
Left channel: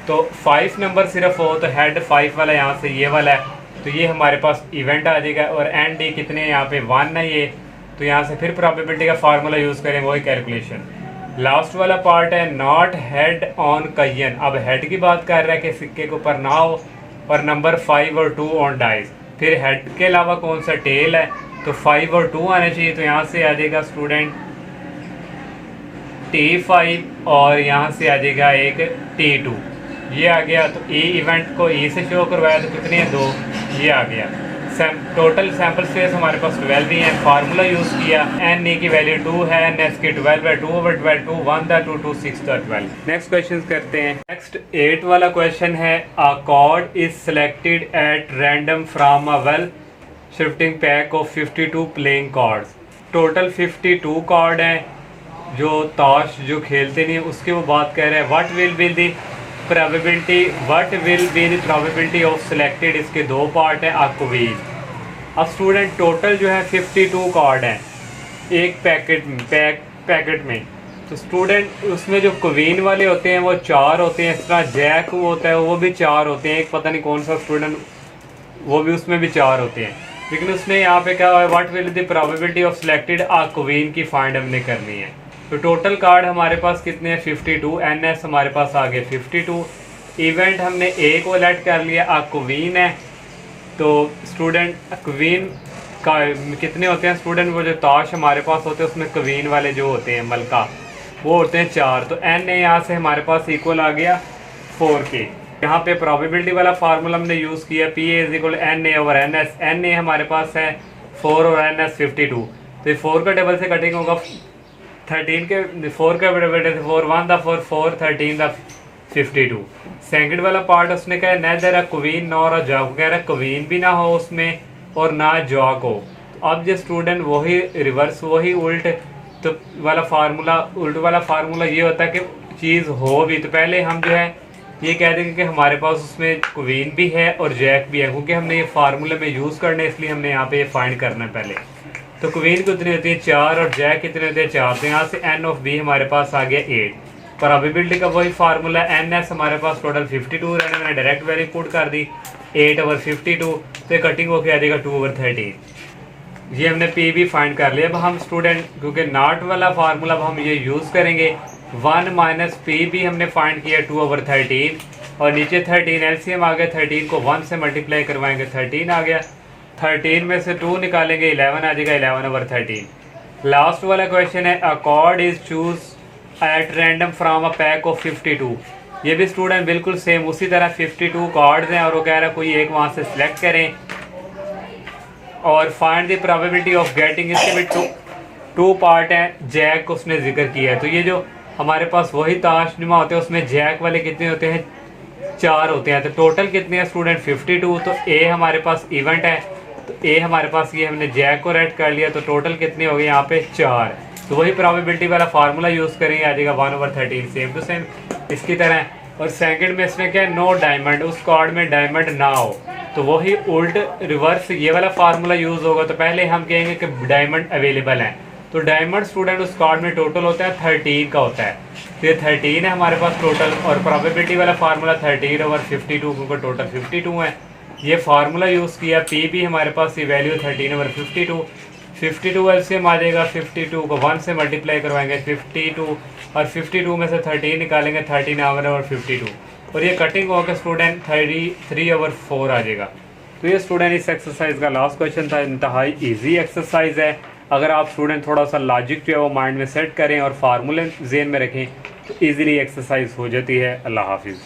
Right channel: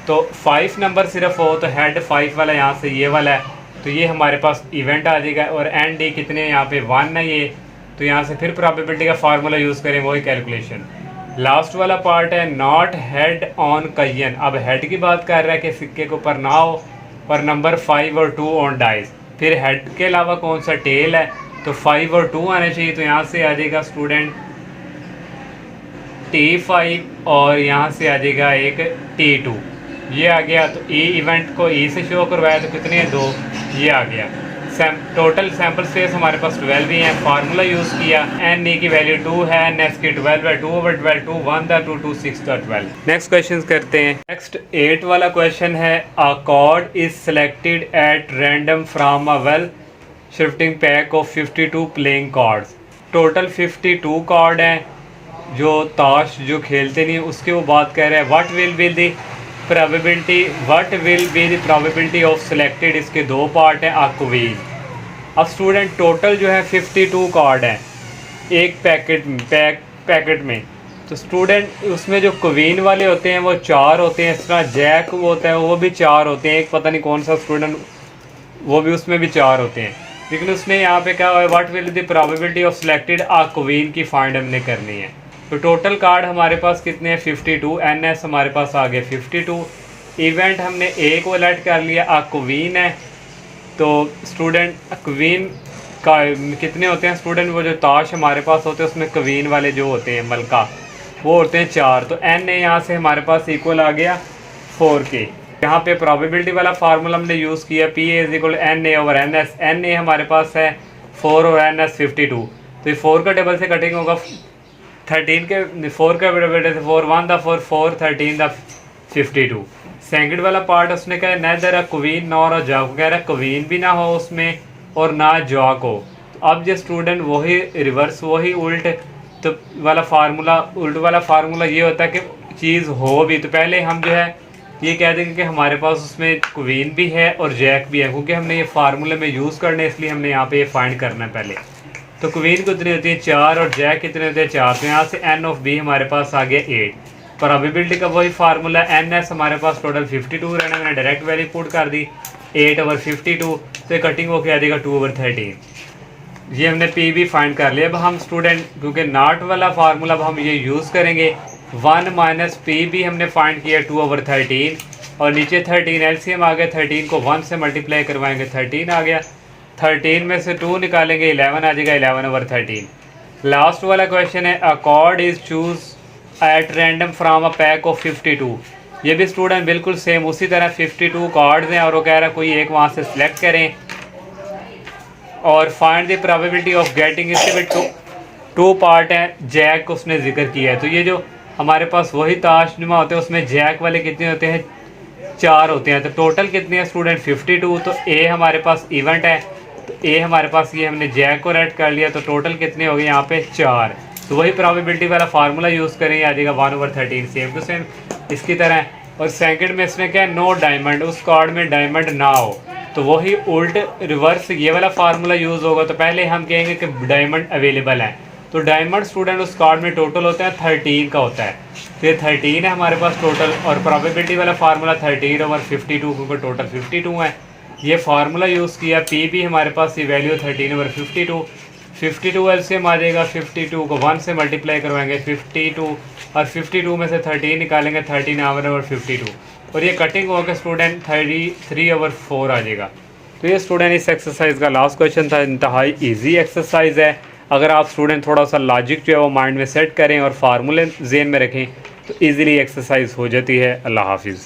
तो 5 नंबर सिर्फ हो तो हेड 5 वाला यहाँ से ये वाला है, तो ये हमारे पास इवेंट आ जाएगा। और एन डी कितने यहाँ पे 1 है ये, तो यहाँ से फिर प्रोबेबिलिटी का फार्मूला यूज़ करें वही कैलकुलेशन। लास्ट वाला पार्ट है नॉट हेड ऑन कयन। अब हेड की बात कर रहा है कि सिक्के के ऊपर ना हो और नंबर 5 और 2 ऑन डाइस। फिर हेड के अलावा कौन सा टेल है, तो 5 और 2 आने चाहिए, तो यहाँ से आ जाएगा स्टूडेंट T5 और यहाँ से आ जाएगा एक T2। ये आ गया। तो ई इवेंट को ई से शो करवाया तो कितने 2, ये आ गया। टोटल सैम्पल स्पेस हमारे पास 12 ही है। फार्मूला यूज़ किया, एन ए की वैल्यू 2 है, एन एस की 12 है, 2/12, 2 1 2 2 6 12। नेक्स्ट क्वेश्चन करते हैं। नेक्स्ट 8 वाला क्वेश्चन है अ card is selected at random from a well shifting pack of 52 playing cards. Total 52 card हैं जो ताश जो खेलते नहीं उसके वो बात कर रहे हैं। What will be the probability of selected. इसके 2 पार्ट हैं, अ क्वीन। अब स्टूडेंट टोटल जो है 52 कार्ड हैं एक पैकेट में। तो स्टूडेंट उसमें जो क्वीन वाले होते हैं वो 4 होते हैं, इस तरह जैक होता है वो भी 4 होते हैं, एक पता नहीं कौन सा स्टूडेंट वो भी उसमें भी 4 होते हैं। लेकिन उसने यहाँ पे क्या है what will the probability of selected a queen की फाइंड हमने करनी है। तो टोटल कार्ड हमारे पास कितने हैं 52। एन एस हमारे पास आ गए 52। इवेंट हमने एक को लेट कर लिया, अ क्वीन है। तो स्टूडेंट क्वीन का कितने होते हैं स्टूडेंट, वो जो ताश हमारे पास होते हैं उसमें क्वीन वाले जो होते हैं मलका वो होते हैं 4। तो एन ए यहाँ से हमारे पास इक्वल आ गया 4 के। यहाँ पे प्रोबेबिलिटी वाला फार्मूला हमने यूज़ किया, P A is equal N A over N S. N A हमारे पास है 4 और एन एस 52। तो ये 4 का टेबल से कटिंग होगा 13 के 4 का बेटे से 4 1 4 4 13 52। सेकंड वाला पार्ट उसने कहा neither a queen nor a jack. कह रहा है क्वीन भी ना हो उसमें और ना जॉक हो। तो अब जो स्टूडेंट वही रिवर्स वही उल्ट तो वाला फार्मूला ये होता है कि चीज़ हो भी तो पहले हम जो है ये कह देंगे कि हमारे पास उसमें क्वीन भी है और जैक भी है, क्योंकि हमने ये फार्मूले में यूज़ करने इसलिए हमने यहाँ पे ये फाइंड करना है पहले। तो क्वीन कितनी होती है 4 और जैक कितने होते हैं 4। तो यहाँ से एन ऑफ बी हमारे पास आ गया 8। प्रोबेबिलिटी का वही फार्मूला एन एस हमारे पास टोटल 52 रहना, मैंने डायरेक्ट वैल्यू पुट कर दी 8/52। तो कटिंग होकर आ जाएगा 2/13। ये हमने पी भी फाइंड कर लिया। अब हम स्टूडेंट क्योंकि नॉट वाला फार्मूला अब हम ये यूज़ करेंगे 1 - पी भी हमने फाइंड किया 2/13 और नीचे 13 एलसीएम आ गया। 13 को 1 से मल्टीप्लाई करवाएंगे 13 आ गया। 13 में से 2 निकालेंगे 11 आ जाएगा 11/13। लास्ट वाला क्वेश्चन है अ card is choose at random from a pack of 52। ये भी स्टूडेंट बिल्कुल सेम उसी तरह 52 कार्ड्स हैं और वो कह रहा है कोई एक वहाँ से सिलेक्ट करें और find the probability of getting. इसके भी 2 पार्ट हैं, जैक उसने जिक्र किया है। तो ये जो हमारे पास वही ताश नुमा होते हैं उसमें जैक वाले कितने होते हैं 4 होते हैं। तो टोटल कितने हैं स्टूडेंट 52। तो ए हमारे पास इवेंट है तो ए हमारे पास ये हमने जैक को रेड कर लिया। तो टोटल कितने हो गए यहाँ पे 4। तो वही प्रोबेबिलिटी वाला फार्मूला यूज़ करेंगे आ जाएगा 1/13 सेम टू सेम इसकी तरह। और सेकंड में इसने क्या नो डायमंड, उस कार्ड में डायमंड ना हो तो वही उल्ट रिवर्स ये वाला फार्मूला यूज़ होगा। तो पहले हम कहेंगे कि डायमंड अवेलेबल हैं। तो डायमंड स्टूडेंट उस कार्ड में टोटल होता है 13 का होता है। तो ये 13 है हमारे पास टोटल और प्रोबेबिलिटी वाला फार्मूला 13/52 क्योंकि टोटल 52 है। ये फार्मूला यूज़ किया, पी भी हमारे पास ये वैल्यू 13/52। 52 एलसीएम आ जाएगा, 52 को 1 से मल्टीप्लाई करवाएंगे 52, और 52 में से 13 निकालेंगे, 13 ओवर 52, और ये कटिंग होकर स्टूडेंट 33/4 आ जाएगा। तो ये स्टूडेंट इस एक्सरसाइज का लास्ट क्वेश्चन था। इंतहाई इजी एक्सरसाइज है। अगर आप स्टूडेंट थोड़ा सा लॉजिक जो है वो माइंड में सेट करें और फार्मूले जेन में रखें तो ईज़िली एक्सरसाइज हो जाती है। अल्लाह हाफिज़।